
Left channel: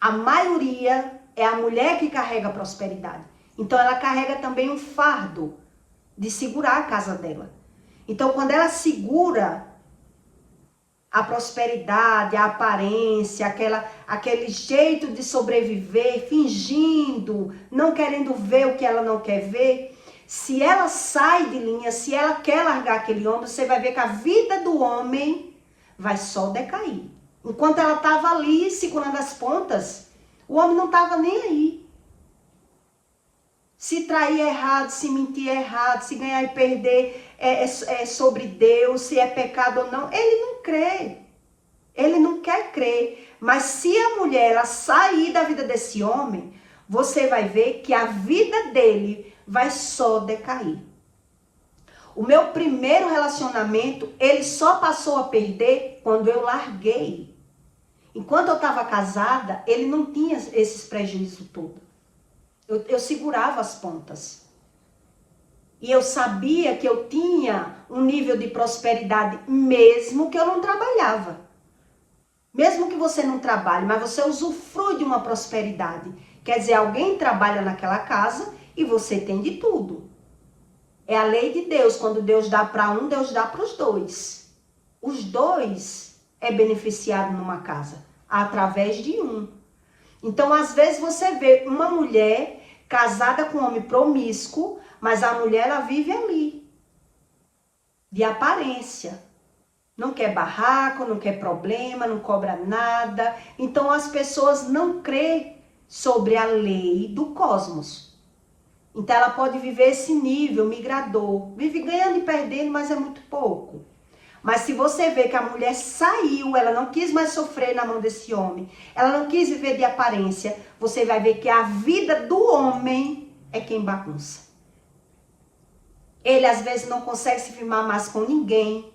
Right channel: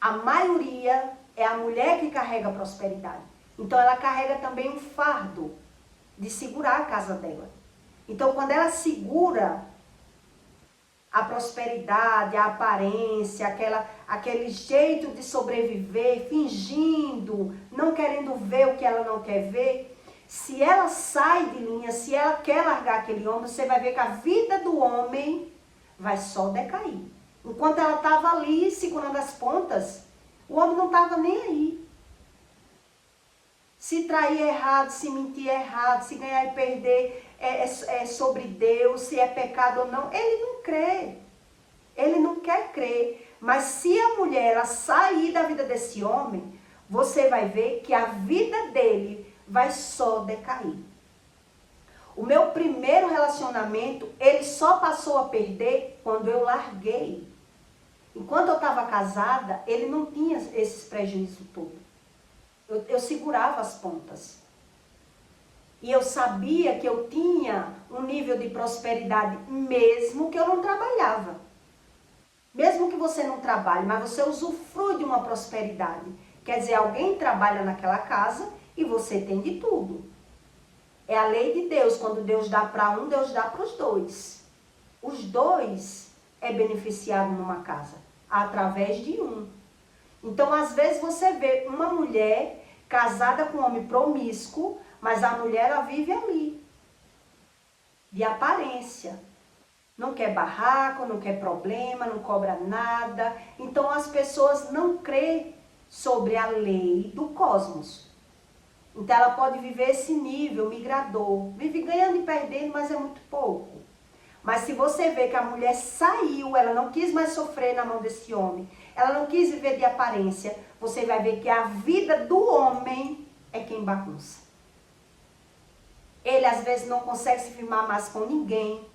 A maioria é a mulher que carrega a prosperidade. Então ela carrega também um fardo de segurar a casa dela. Então quando ela segura a prosperidade, a aparência, aquele jeito de sobreviver, fingindo, não querendo ver o que ela não quer ver, se ela sai de linha, se ela quer largar aquele homem, você vai ver que a vida do homem vai só decair. Enquanto ela estava ali segurando as pontas, o homem não estava nem aí. Se trair é errado, se mentir é errado, se ganhar e perder é sobre Deus, se é pecado ou não. Ele não crê. Ele não quer crer. Mas se a mulher ela sair da vida desse homem, você vai ver que a vida dele vai só decair. O meu primeiro relacionamento, ele só passou a perder quando eu larguei. Enquanto eu estava casada, ele não tinha esses prejuízos todos. Eu segurava as pontas. E eu sabia que eu tinha um nível de prosperidade mesmo que eu não trabalhava. Mesmo que você não trabalhe, mas você usufrui de uma prosperidade. Quer dizer, alguém trabalha naquela casa e você tem de tudo. É a lei de Deus. Quando Deus dá para um, Deus dá para os dois. Os dois é beneficiado numa casa, através de um. Então, às vezes você vê uma mulher casada com um homem promíscuo, mas a mulher ela vive ali, de aparência. Não quer barraco, não quer problema, não cobra nada. Então as pessoas não crêem sobre a lei do cosmos. Então ela pode viver esse nível migrador, vive ganhando e perdendo, mas é muito pouco. Mas se você vê que a mulher saiu, ela não quis mais sofrer na mão desse homem, ela não quis viver de aparência, você vai ver que a vida do homem é quem bagunça. Ele às vezes não consegue se firmar mais com ninguém.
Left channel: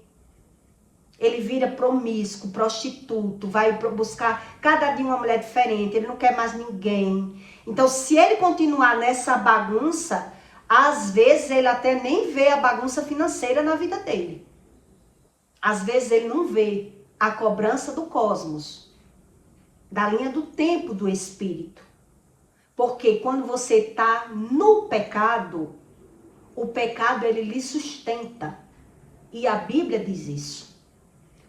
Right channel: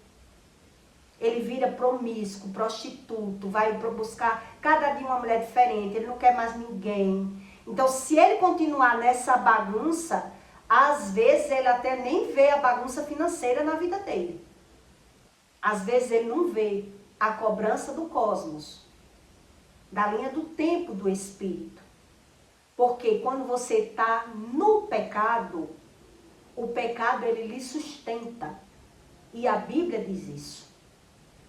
Ele vira promíscuo, prostituto, vai buscar cada dia uma mulher diferente, ele não quer mais ninguém. Então se ele continuar nessa bagunça, às vezes ele até nem vê a bagunça financeira na vida dele. Às vezes ele não vê a cobrança do cosmos, da linha do tempo do espírito. Porque quando você está no pecado, o pecado ele lhe sustenta. E a Bíblia diz isso.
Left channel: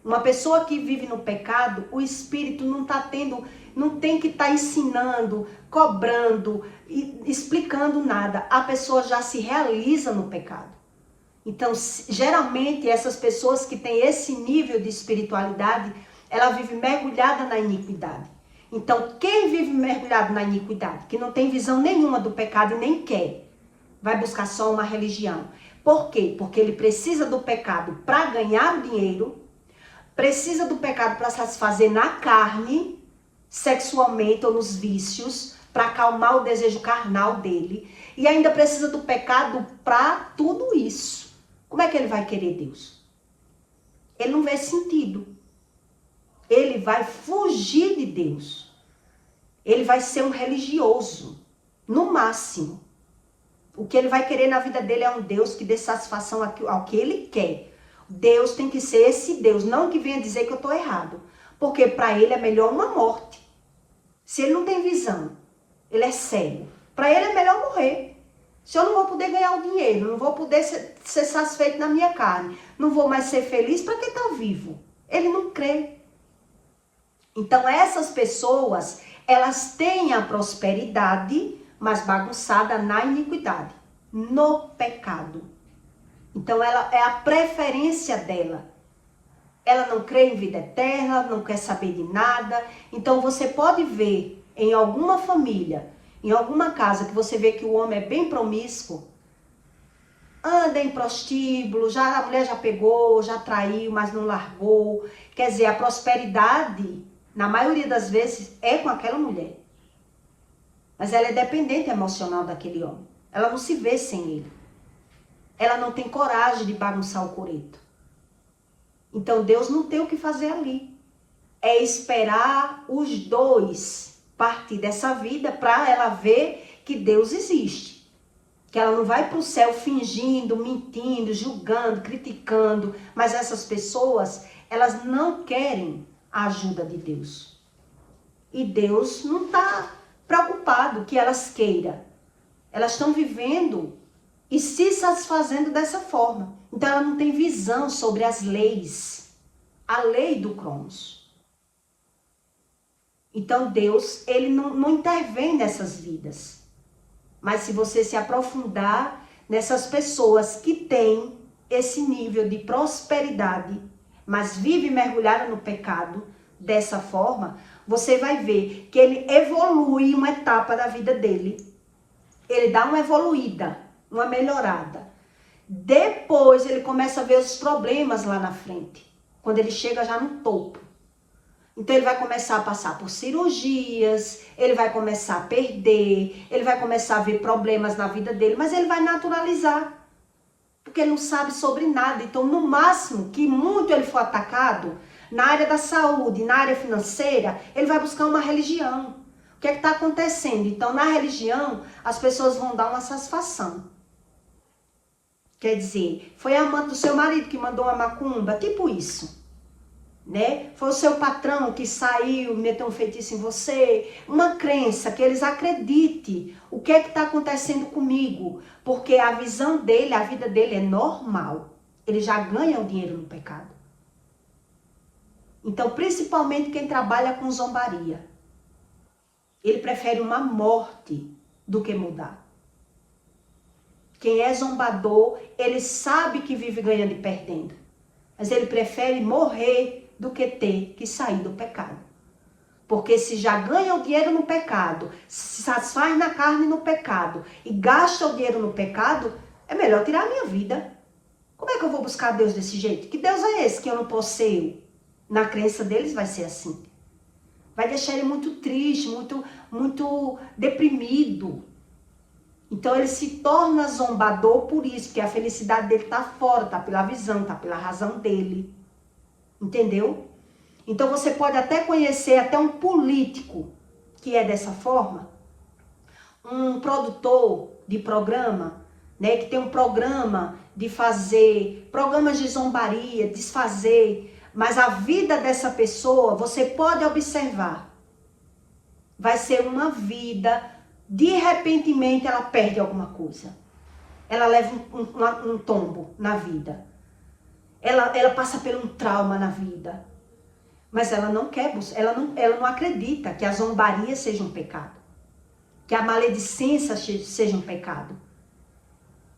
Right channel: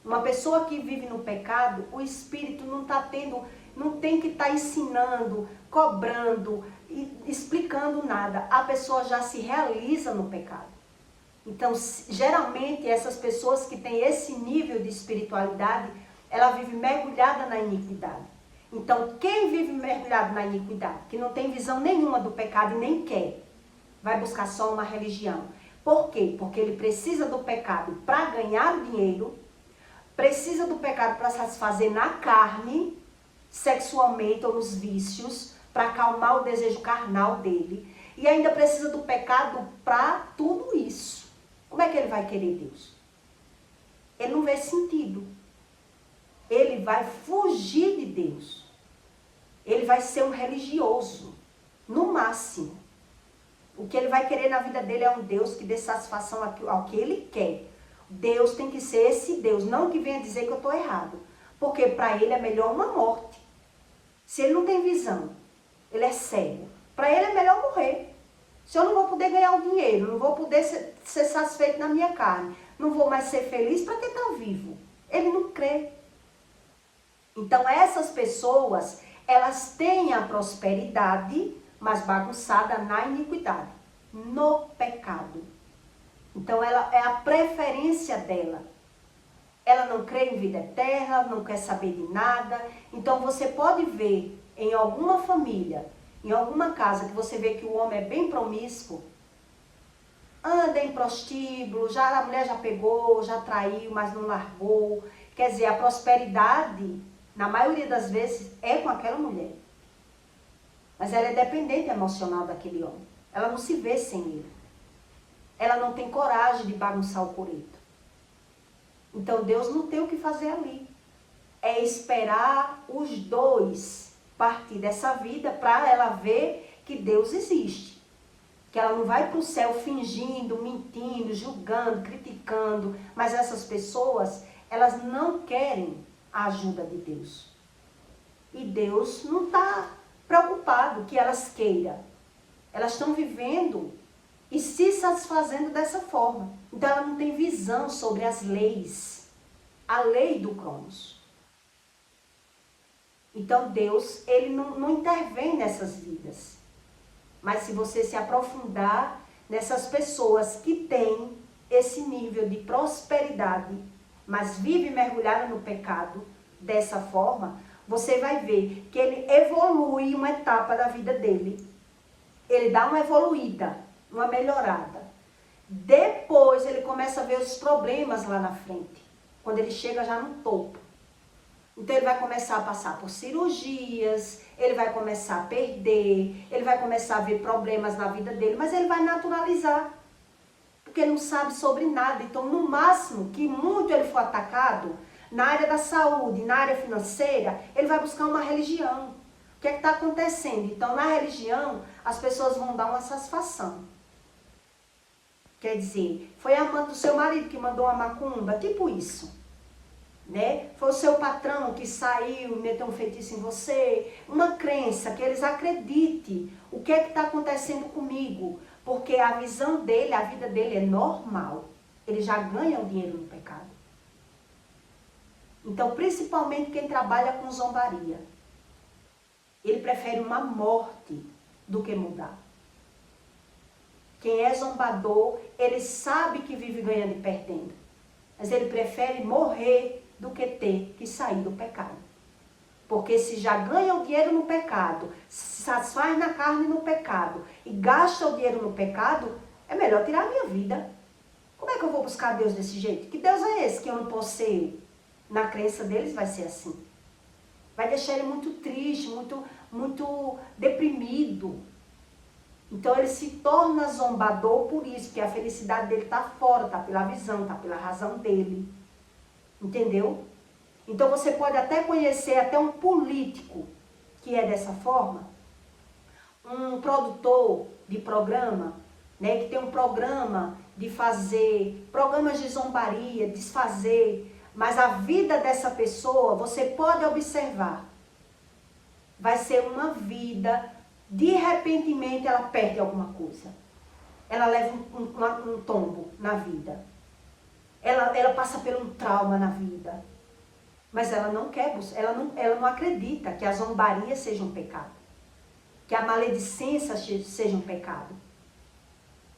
Uma pessoa que vive no pecado, o espírito não tem que estar ensinando, cobrando, explicando nada. A pessoa já se realiza no pecado. Então, geralmente, essas pessoas que têm esse nível de espiritualidade, ela vive mergulhada na iniquidade. Então, quem vive mergulhado na iniquidade, que não tem visão nenhuma do pecado e nem quer, vai buscar só uma religião. Por quê? Porque ele precisa do pecado para ganhar o dinheiro, precisa do pecado para satisfazer na carne, sexualmente ou nos vícios, para acalmar o desejo carnal dele, e ainda precisa do pecado para tudo isso. Como é que ele vai querer Deus? Ele não vê sentido. Ele vai fugir de Deus. Ele vai ser um religioso, no máximo. O que ele vai querer na vida dele é um Deus que dê satisfação ao que ele quer. Deus tem que ser esse Deus, não que venha dizer que eu estou errado. Porque para ele é melhor uma morte. Se ele não tem visão, ele é cego. Para ele é melhor morrer. Se eu não vou poder ganhar o dinheiro, não vou poder ser satisfeito na minha carne, não vou mais ser feliz, para que estar vivo? Ele não crê. Então essas pessoas, elas têm a prosperidade, mas bagunçada na iniquidade, no pecado. Então ela é a preferência dela. Ela não crê em vida eterna, não quer saber de nada. Então você pode ver em alguma família, em alguma casa que você vê que o homem é bem promíscuo, anda em prostíbulo, a mulher já pegou, já traiu, mas não largou. Quer dizer, a prosperidade, na maioria das vezes, é com aquela mulher. Mas ela é dependente emocional daquele homem. Ela não se vê sem ele. Ela não tem coragem de bagunçar o coreto. Então Deus não tem o que fazer ali. é esperar os dois partir dessa vida para ela ver que Deus existe. Que ela não vai para o céu fingindo, mentindo, julgando, criticando. Mas essas pessoas, elas não querem a ajuda de Deus. E Deus não está preocupado que elas queiram. Elas estão vivendo e se satisfazendo dessa forma. Então ela não tem visão sobre as leis. A lei do Cronos. Então Deus, ele não intervém nessas vidas. Mas se você se aprofundar nessas pessoas que têm esse nível de prosperidade, mas vive mergulhada no pecado, dessa forma, você vai ver que ele evolui uma etapa da vida dele. Ele dá uma evoluída, uma melhorada. Depois ele começa a ver os problemas lá na frente, quando ele chega já no topo. Então ele vai começar a passar por cirurgias, ele vai começar a perder, ele vai começar a ver problemas na vida dele, mas ele vai naturalizar, porque ele não sabe sobre nada. Então, no máximo que muito ele for atacado, na área da saúde, na área financeira, ele vai buscar uma religião. O que é que está acontecendo? Então, na religião, as pessoas vão dar uma satisfação. Quer dizer, foi a amante do seu marido que mandou uma macumba, tipo isso. Né? Foi o seu patrão que saiu, meteu um feitiço em você, uma crença que eles acreditem o que é que está acontecendo comigo, porque a visão dele, a vida dele é normal, ele já ganha o dinheiro no pecado. Então, principalmente quem trabalha com zombaria, ele prefere uma morte do que mudar. Quem é zombador, ele sabe que vive ganhando e perdendo, mas ele prefere morrer do que ter que sair do pecado. Porque se já ganha o dinheiro no pecado, se satisfaz na carne no pecado e gasta o dinheiro no pecado, é melhor tirar a minha vida. Como é que eu vou buscar Deus desse jeito? Que Deus é esse que eu não posso ser eu? Na crença deles vai ser assim. Vai deixar ele muito triste, muito deprimido. Então ele se torna zombador por isso, porque a felicidade dele está fora, está pela visão, está pela razão dele. Entendeu? Então você pode até conhecer até um político que é dessa forma, um produtor de programa, né, que tem um programa de fazer programas de zombaria, desfazer, mas a vida dessa pessoa, você pode observar, vai ser uma vida, de repentemente ela perde alguma coisa, ela leva um tombo na vida. Ela passa por um trauma na vida. Mas ela não quer, ela não acredita que a zombaria seja um pecado. Que a maledicência seja um pecado.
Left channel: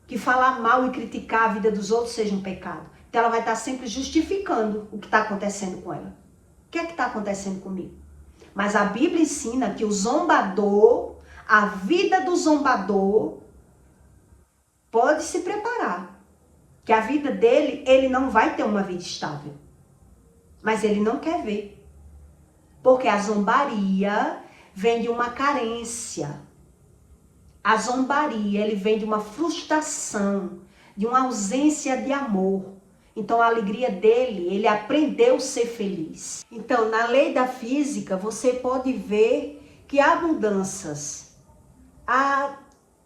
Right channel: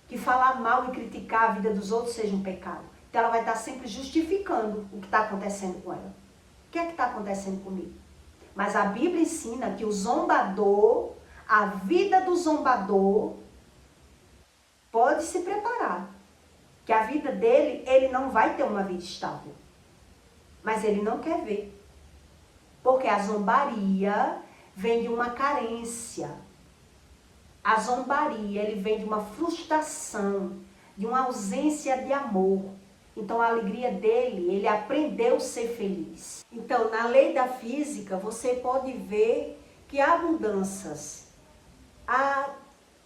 Que falar mal e criticar a vida dos outros seja um pecado. Então ela vai estar sempre justificando o que está acontecendo com ela. O que é que está acontecendo comigo? Mas a Bíblia ensina que o zombador, a vida do zombador, pode se preparar. Que a vida dele, ele não vai ter uma vida estável. Mas ele não quer ver. Porque a zombaria vem de uma carência. A zombaria, ele vem de uma frustração, de uma ausência de amor. Então a alegria dele, ele aprendeu a ser feliz. Então na lei da física, você pode ver que há mudanças. Há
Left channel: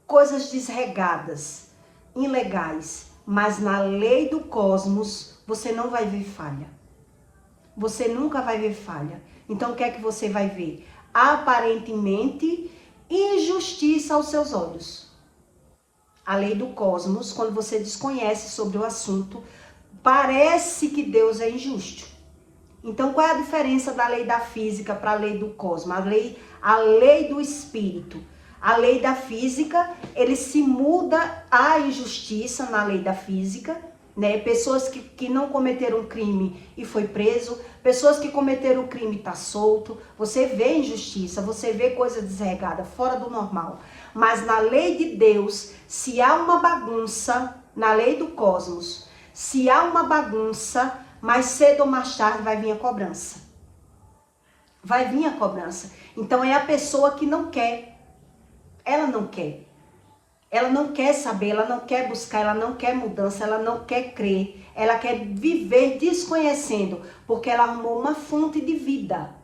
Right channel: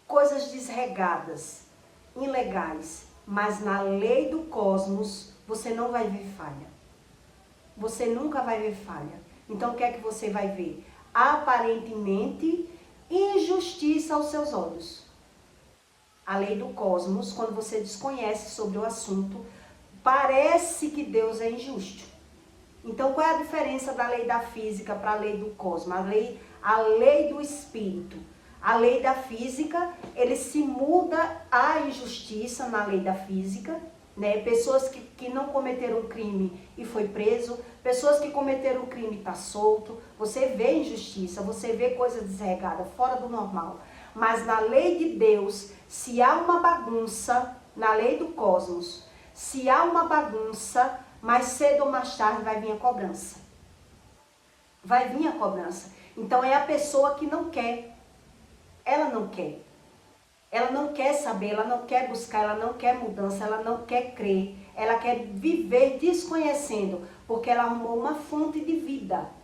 coisas desregadas, ilegais. Mas na lei do cosmos, você não vai ver falha. Você nunca vai ver falha. Então, o que é que você vai ver? Aparentemente, injustiça aos seus olhos. A lei do cosmos, quando você desconhece sobre o assunto, parece que Deus é injusto. Então, qual é a diferença da lei da física para a lei do cosmos? A lei do espírito. A lei da física, ele se muda a injustiça na lei da física, né? Pessoas que não cometeram crime e foi preso, pessoas que cometeram crime e tá solto. Você vê injustiça, você vê coisa desregada, fora do normal. Mas na lei de Deus, se há uma bagunça, na lei do cosmos, se há uma bagunça, mais cedo ou mais tarde vai vir a cobrança. Vai vir a cobrança. Então é a pessoa que não quer. Ela não quer. Ela não quer saber, ela não quer buscar, ela não quer mudança, ela não quer crer. Ela quer viver desconhecendo, porque ela arrumou uma fonte de vida,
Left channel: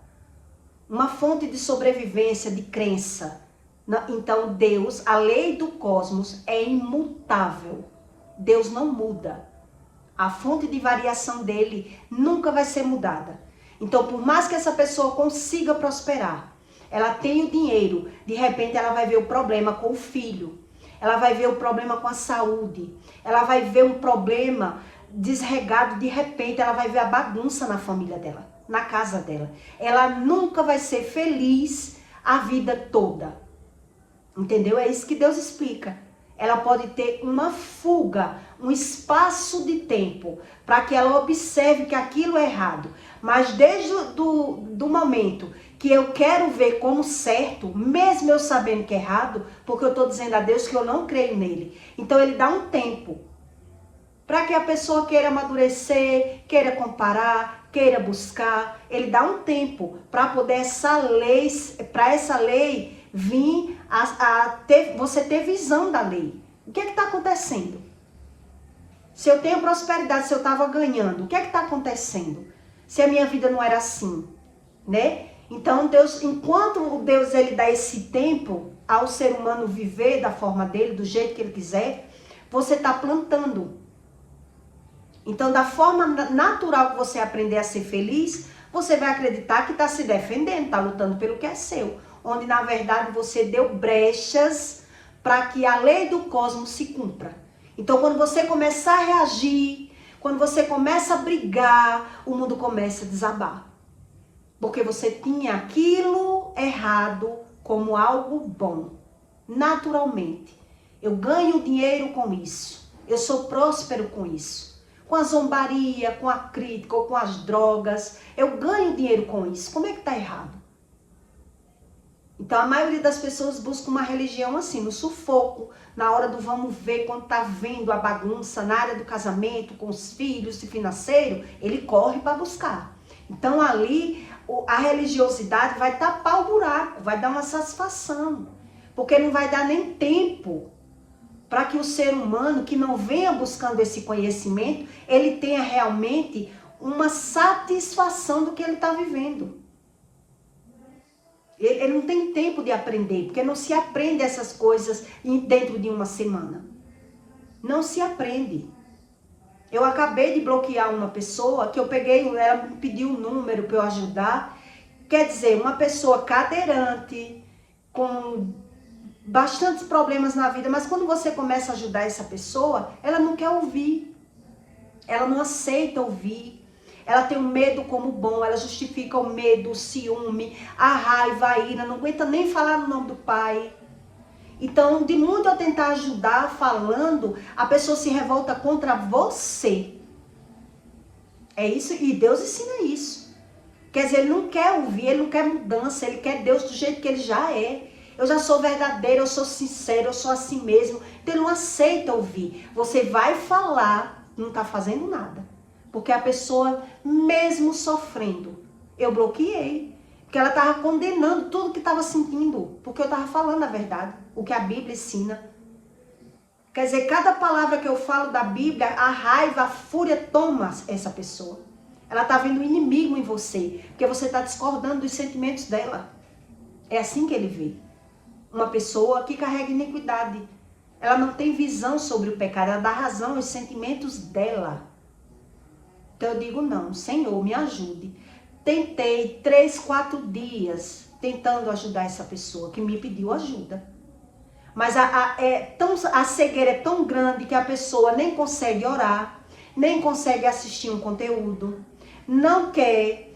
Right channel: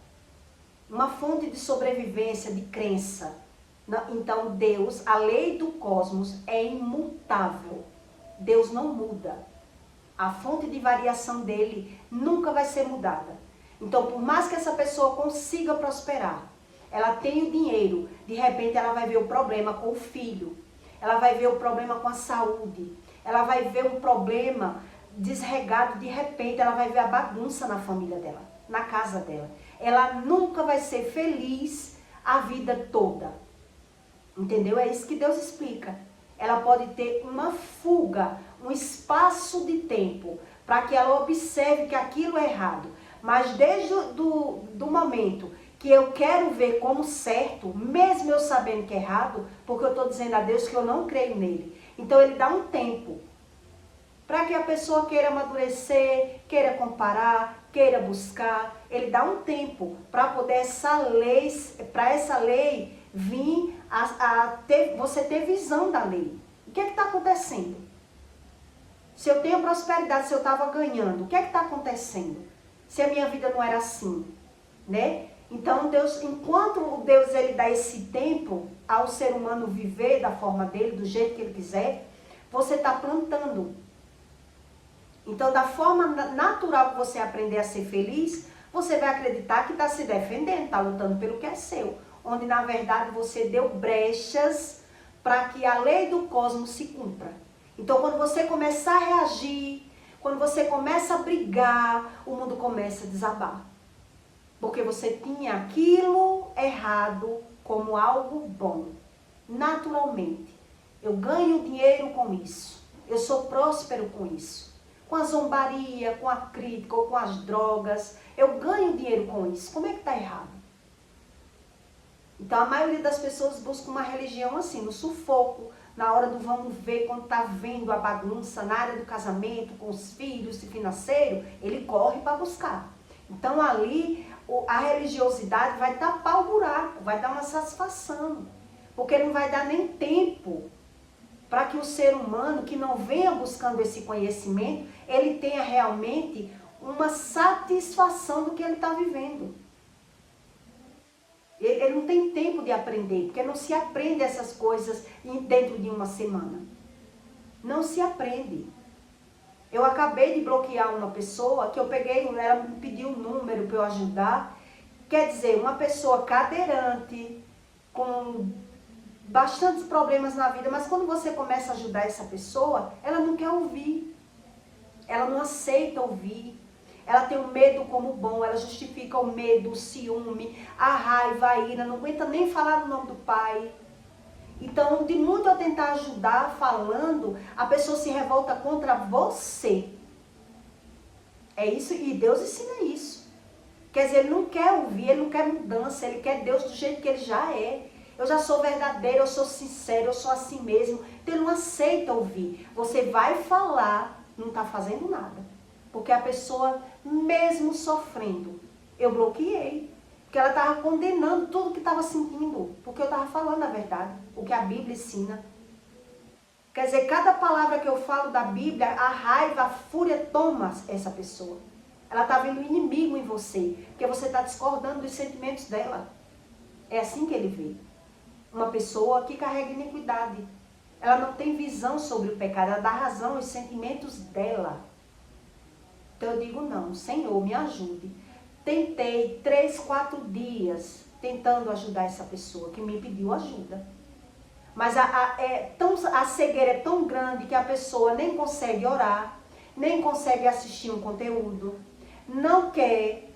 uma fonte de sobrevivência, de crença. Então Deus, a lei do cosmos é imutável. Deus não muda. A fonte de variação dele nunca vai ser mudada. Então, por mais que essa pessoa consiga prosperar, ela tem o dinheiro, de repente ela vai ver o problema com o filho, ela vai ver o problema com a saúde, ela vai ver um problema desregado, de repente ela vai ver a bagunça na família dela, na casa dela. Ela nunca vai ser feliz a vida toda. Entendeu? É isso que Deus explica. Ela pode ter uma fuga, um espaço de tempo, para que ela observe que aquilo é errado. Mas desde do momento que eu quero ver como certo, mesmo eu sabendo que é errado, porque eu estou dizendo a Deus que eu não creio nele. Então ele dá um tempo para que a pessoa queira amadurecer, queira comparar, queira buscar. Ele dá um tempo para poder essa lei vir você ter visão da lei. O que é que está acontecendo? Se eu tenho prosperidade, se eu estava ganhando, o que é que está acontecendo? Se a minha vida não era assim, né? Então Deus, enquanto Deus ele dá esse tempo ao ser humano viver da forma dele, do jeito que ele quiser, você está plantando. Então, da forma natural que você aprender a ser feliz, você vai acreditar que está se defendendo, está lutando pelo que é seu. Onde, na verdade, você deu brechas para que a lei do cosmos se cumpra. Então, quando você começar a reagir, quando você começa a brigar, o mundo começa a desabar. Porque você tinha aquilo errado como algo bom. Naturalmente. Eu ganho dinheiro com isso. Eu sou próspero com isso. Com a zombaria, com a crítica ou com as drogas. Eu ganho dinheiro com isso. Como é que está errado? Então a maioria das pessoas busca uma religião assim, no sufoco, na hora do vamos ver, quando tá vendo a bagunça na área do casamento, com os filhos e financeiro, ele corre para buscar. Então ali a religiosidade vai tapar o buraco, vai dar uma satisfação, porque não vai dar nem tempo para que o ser humano que não venha buscando esse conhecimento, ele tenha realmente uma satisfação do que ele está vivendo. Ele não tem tempo de aprender, porque não se aprende essas coisas dentro de uma semana. Não se aprende. Eu acabei de bloquear uma pessoa que eu peguei, ela pediu um número para eu ajudar. Quer dizer, uma pessoa cadeirante, com bastantes problemas na vida, mas quando você começa a ajudar essa pessoa, ela não quer ouvir. Ela não aceita ouvir. Ela tem o medo como bom, ela justifica o medo, o ciúme, a raiva, a ira, não aguenta nem falar no nome do pai. Então, de muito eu tentar ajudar falando, a pessoa se revolta contra você. É isso, e Deus ensina isso. Quer dizer, ele não quer ouvir, ele não quer mudança, ele quer Deus do jeito que ele já é. Eu já sou verdadeira, eu sou sincera, eu sou assim mesmo. Então ele não aceita ouvir. Você vai falar, não está fazendo nada. Porque a pessoa, mesmo sofrendo, eu bloqueei. Porque ela estava condenando tudo que estava sentindo. Porque eu estava falando a verdade, o que a Bíblia ensina. Quer dizer, cada palavra que eu falo da Bíblia, a raiva, a fúria toma essa pessoa. Ela está vendo um inimigo em você. Porque você está discordando dos sentimentos dela. É assim que ele vê. Uma pessoa que carrega iniquidade. Ela não tem visão sobre o pecado. Ela dá razão aos sentimentos dela. Então eu digo, não, Senhor, me ajude. Tentei 3, 4 dias tentando ajudar essa pessoa que me pediu ajuda. Mas a cegueira é tão grande que a pessoa nem consegue orar, nem consegue assistir um conteúdo, não quer,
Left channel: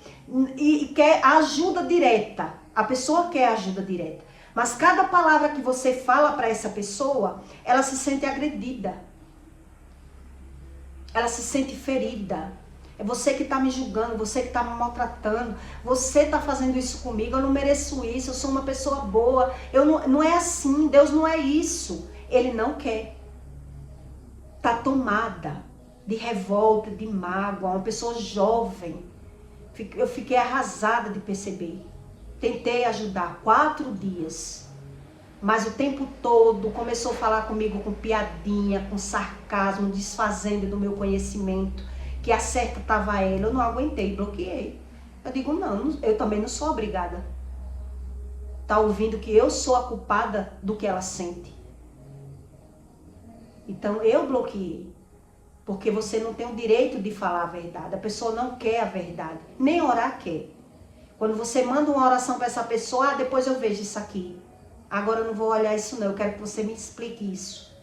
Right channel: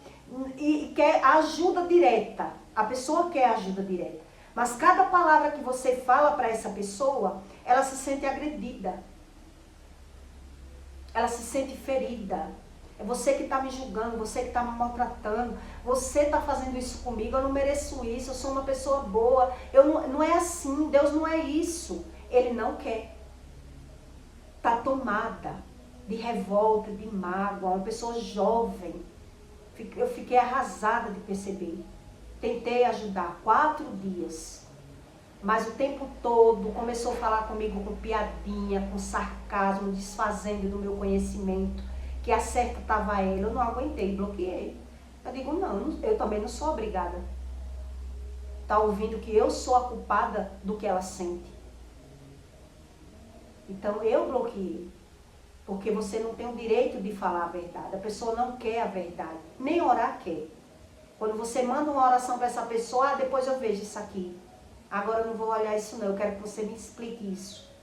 e quer ajuda direta. A pessoa quer ajuda direta. Mas cada palavra que você fala para essa pessoa, ela se sente agredida. Ela se sente ferida. É você que está me julgando, você que está me maltratando, você está fazendo isso comigo, eu não mereço isso, eu sou uma pessoa boa, não é assim, Deus não é isso. Ele não quer. Está tomada de revolta, de mágoa, uma pessoa jovem. Eu fiquei arrasada de perceber. Tentei ajudar 4 dias, mas o tempo todo começou a falar comigo com piadinha, com sarcasmo, desfazendo do meu conhecimento, que a certa estava ela. Eu não aguentei, bloqueei. Eu digo, não, eu também não sou obrigada. Tá ouvindo que eu sou a culpada do que ela sente. Então eu bloqueei. Porque você não tem o direito de falar a verdade. A pessoa não quer a verdade. Nem orar quer. Quando você manda uma oração para essa pessoa, depois eu vejo isso aqui. Agora eu não vou olhar isso não, eu quero que você me explique isso.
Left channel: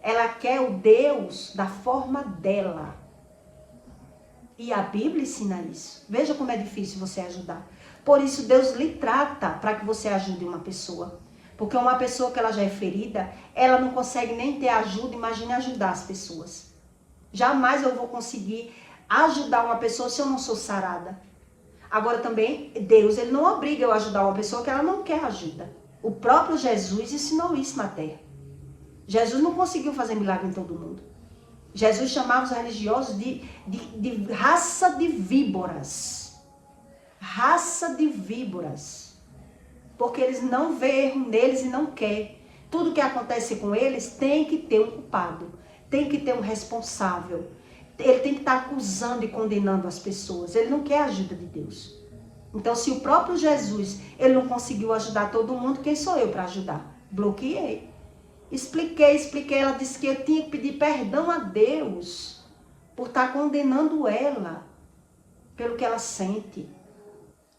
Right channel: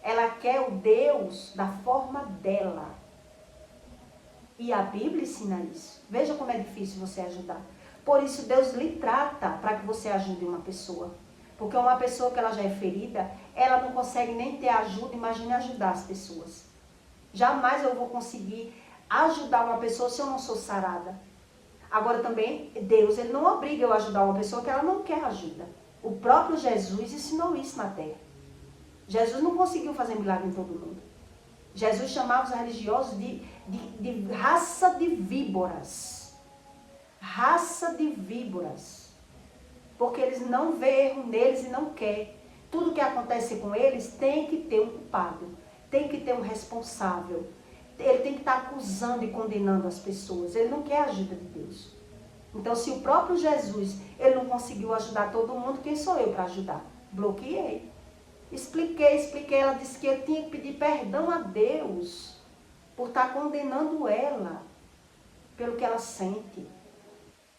Ela quer o Deus da forma dela. E a Bíblia ensina isso. Veja como é difícil você ajudar. Por isso Deus lhe trata para que você ajude uma pessoa. Porque uma pessoa que ela já é ferida, ela não consegue nem ter ajuda, imagine ajudar as pessoas. Jamais eu vou conseguir ajudar uma pessoa se eu não sou sarada. Agora também, Deus, ele não obriga eu a ajudar uma pessoa que ela não quer ajuda. O próprio Jesus ensinou isso na terra. Jesus não conseguiu fazer milagre em todo mundo. Jesus chamava os religiosos de raça de víboras. Raça de víboras. Porque eles não veem erro neles e não querem. Tudo que acontece com eles tem que ter um culpado. Tem que ter um responsável. Ele tem que estar acusando e condenando as pessoas. Ele não quer a ajuda de Deus. Então, se o próprio Jesus, ele não conseguiu ajudar todo mundo, quem sou eu para ajudar? Bloqueei. Expliquei. Ela disse que eu tinha que pedir perdão a Deus por estar condenando ela pelo que ela sente.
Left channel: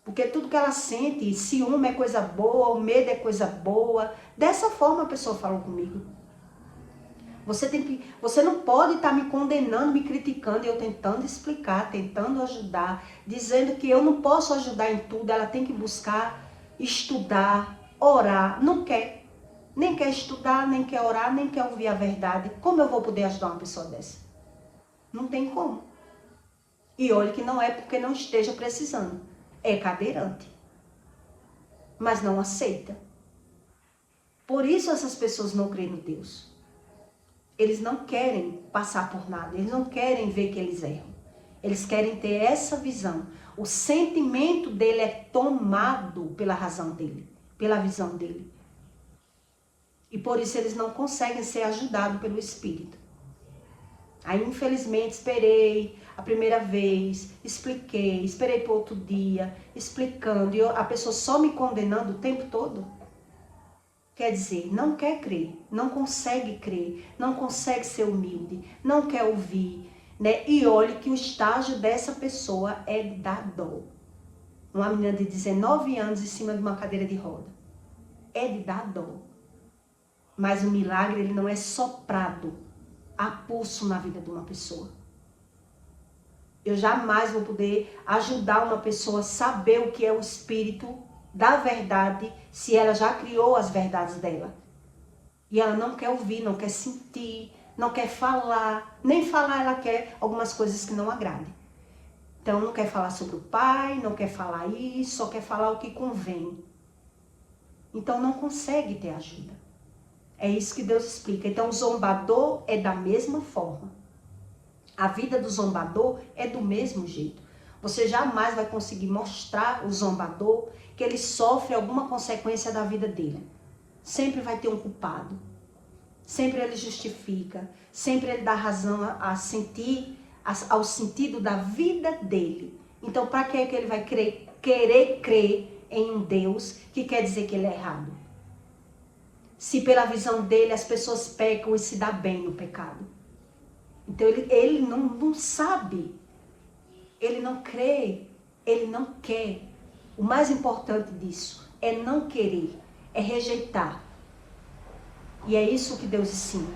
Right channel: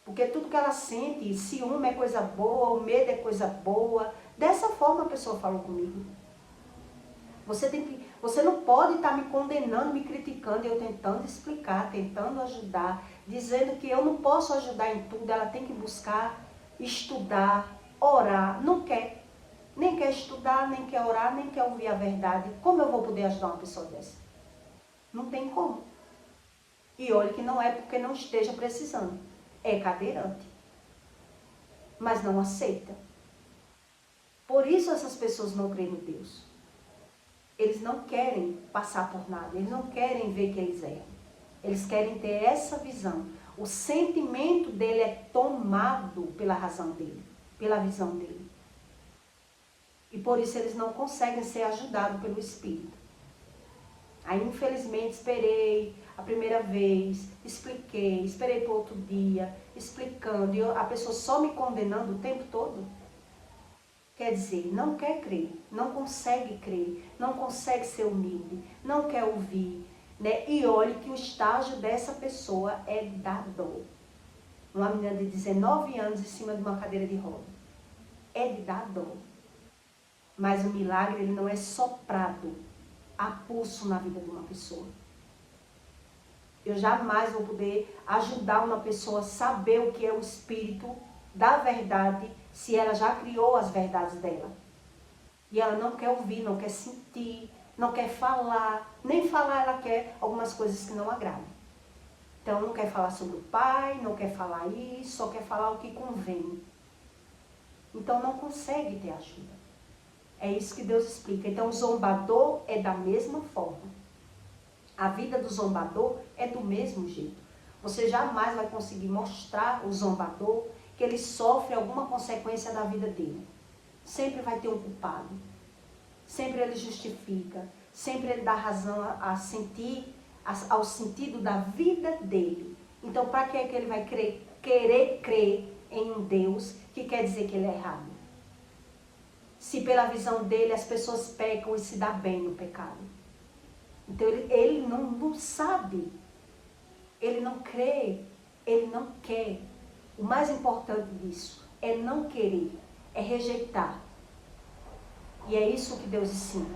Porque tudo que ela sente, ciúme é coisa boa, o medo é coisa boa. Dessa forma a pessoa falou comigo. Você não pode estar me condenando, me criticando, e eu tentando explicar, tentando ajudar, dizendo que eu não posso ajudar em tudo, ela tem que buscar, estudar, orar. Não quer. Nem quer estudar, nem quer orar, nem quer ouvir a verdade. Como eu vou poder ajudar uma pessoa dessa? Não tem como. E olha que não é porque não esteja precisando. É cadeirante. Mas não aceita. Por isso essas pessoas não creem no Deus. Eles não querem passar por nada. Eles não querem ver que eles erram. Eles querem ter essa visão. O sentimento dele é tomado pela razão dele. Pela visão dele. E por isso eles não conseguem ser ajudados pelo Espírito. Aí, infelizmente, esperei a primeira vez, expliquei, esperei para outro dia, explicando, e a pessoa só me condenando o tempo todo. Quer dizer, não quer crer, não consegue crer, não consegue ser humilde, não quer ouvir, né? E olhe que o estágio dessa pessoa é da dor. Uma menina de 19 anos em cima de uma cadeira de roda. É de dar dor. Mas o milagre, ele não é soprado a pulso na vida de uma pessoa. Eu jamais vou poder ajudar uma pessoa a saber o que é o Espírito da verdade, se ela já criou as verdades dela. E ela não quer ouvir, não quer sentir, não quer falar. Nem falar ela quer algumas coisas que não agradem. Então não quer falar sobre o Pai, não quer falar isso, só quer falar o que convém. Então não consegue ter ajuda. É isso que Deus explica. Então, o zombador é da mesma forma. A vida do zombador é do mesmo jeito. Você jamais vai conseguir mostrar o zombador que ele sofre alguma consequência da vida dele. Sempre vai ter um culpado. Sempre ele justifica. Sempre ele dá razão ao sentido da vida dele. Então, para que é que ele vai querer crer em um Deus que quer dizer que ele é errado? Se pela visão dele as pessoas pecam e se dá bem no pecado. Então ele não sabe, ele não crê, ele não quer. O mais importante disso é não querer, é rejeitar. E é isso que Deus ensina.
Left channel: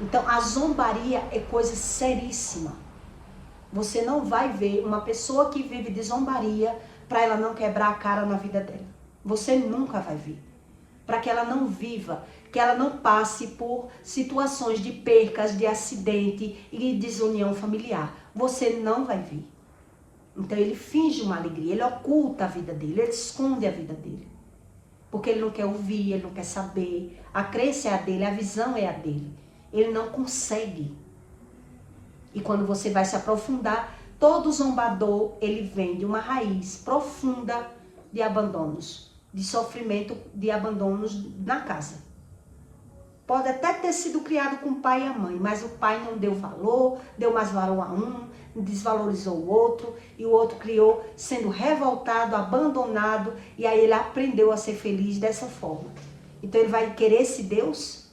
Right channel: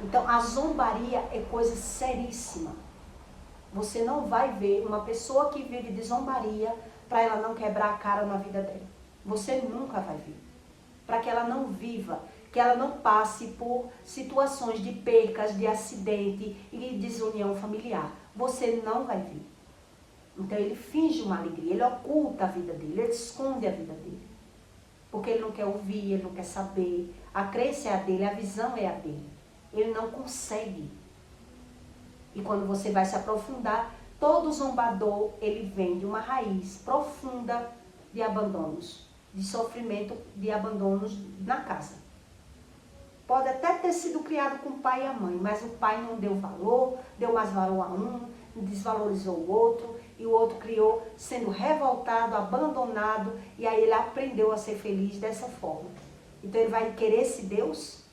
Então a zombaria é coisa seríssima. Você não vai ver uma pessoa que vive de zombaria para ela não quebrar a cara na vida dela. Você nunca vai ver. Para que ela não viva, que ela não passe por situações de percas, de acidente e desunião familiar. Você não vai ver. Então ele finge uma alegria, ele oculta a vida dele, ele esconde a vida dele. Porque ele não quer ouvir, ele não quer saber. A crença é a dele, a visão é a dele. Ele não consegue. E quando você vai se aprofundar, todo zombador, ele vem de uma raiz profunda de abandonos. De sofrimento, de abandonos na casa. Pode até ter sido criado com o pai e a mãe, mas o pai não deu valor, deu mais valor a um, desvalorizou o outro, e o outro criou sendo revoltado, abandonado, e aí ele aprendeu a ser feliz dessa forma. Então ele vai querer esse Deus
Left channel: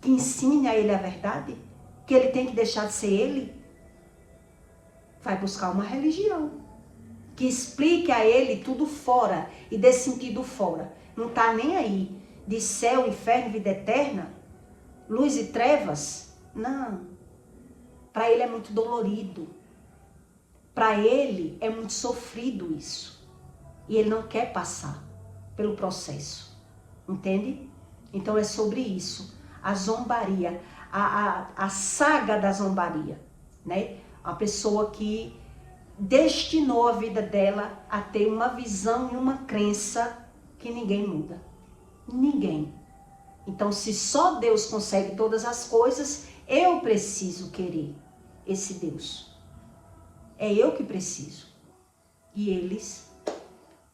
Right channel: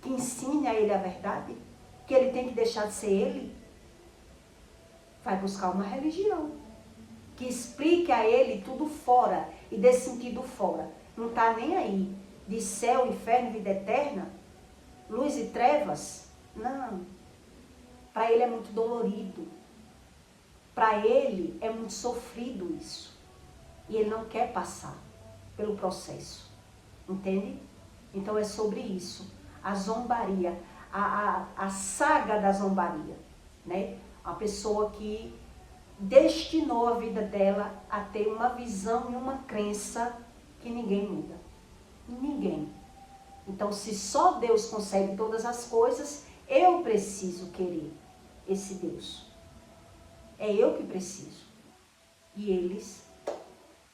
que ensine a ele a verdade, que ele tem que deixar de ser ele? Vai buscar uma religião que explique a ele tudo fora e dê sentido fora. Não está nem aí de céu, inferno, vida eterna, luz e trevas. Não. Para ele é muito dolorido. Para ele é muito sofrido isso. E ele não quer passar pelo processo. Entende? Então é sobre isso. A zombaria, a saga da zombaria, né? A pessoa que destinou a vida dela a ter uma visão e uma crença que ninguém muda. Ninguém. Então, se só Deus consegue todas as coisas, eu preciso querer esse Deus. É eu que preciso. E eles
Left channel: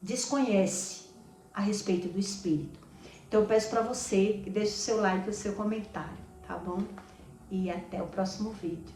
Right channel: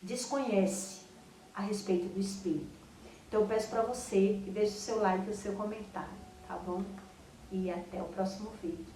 desconhecem a respeito do Espírito. Então, eu peço para você que deixe o seu like e o seu comentário, tá bom? E até o próximo vídeo.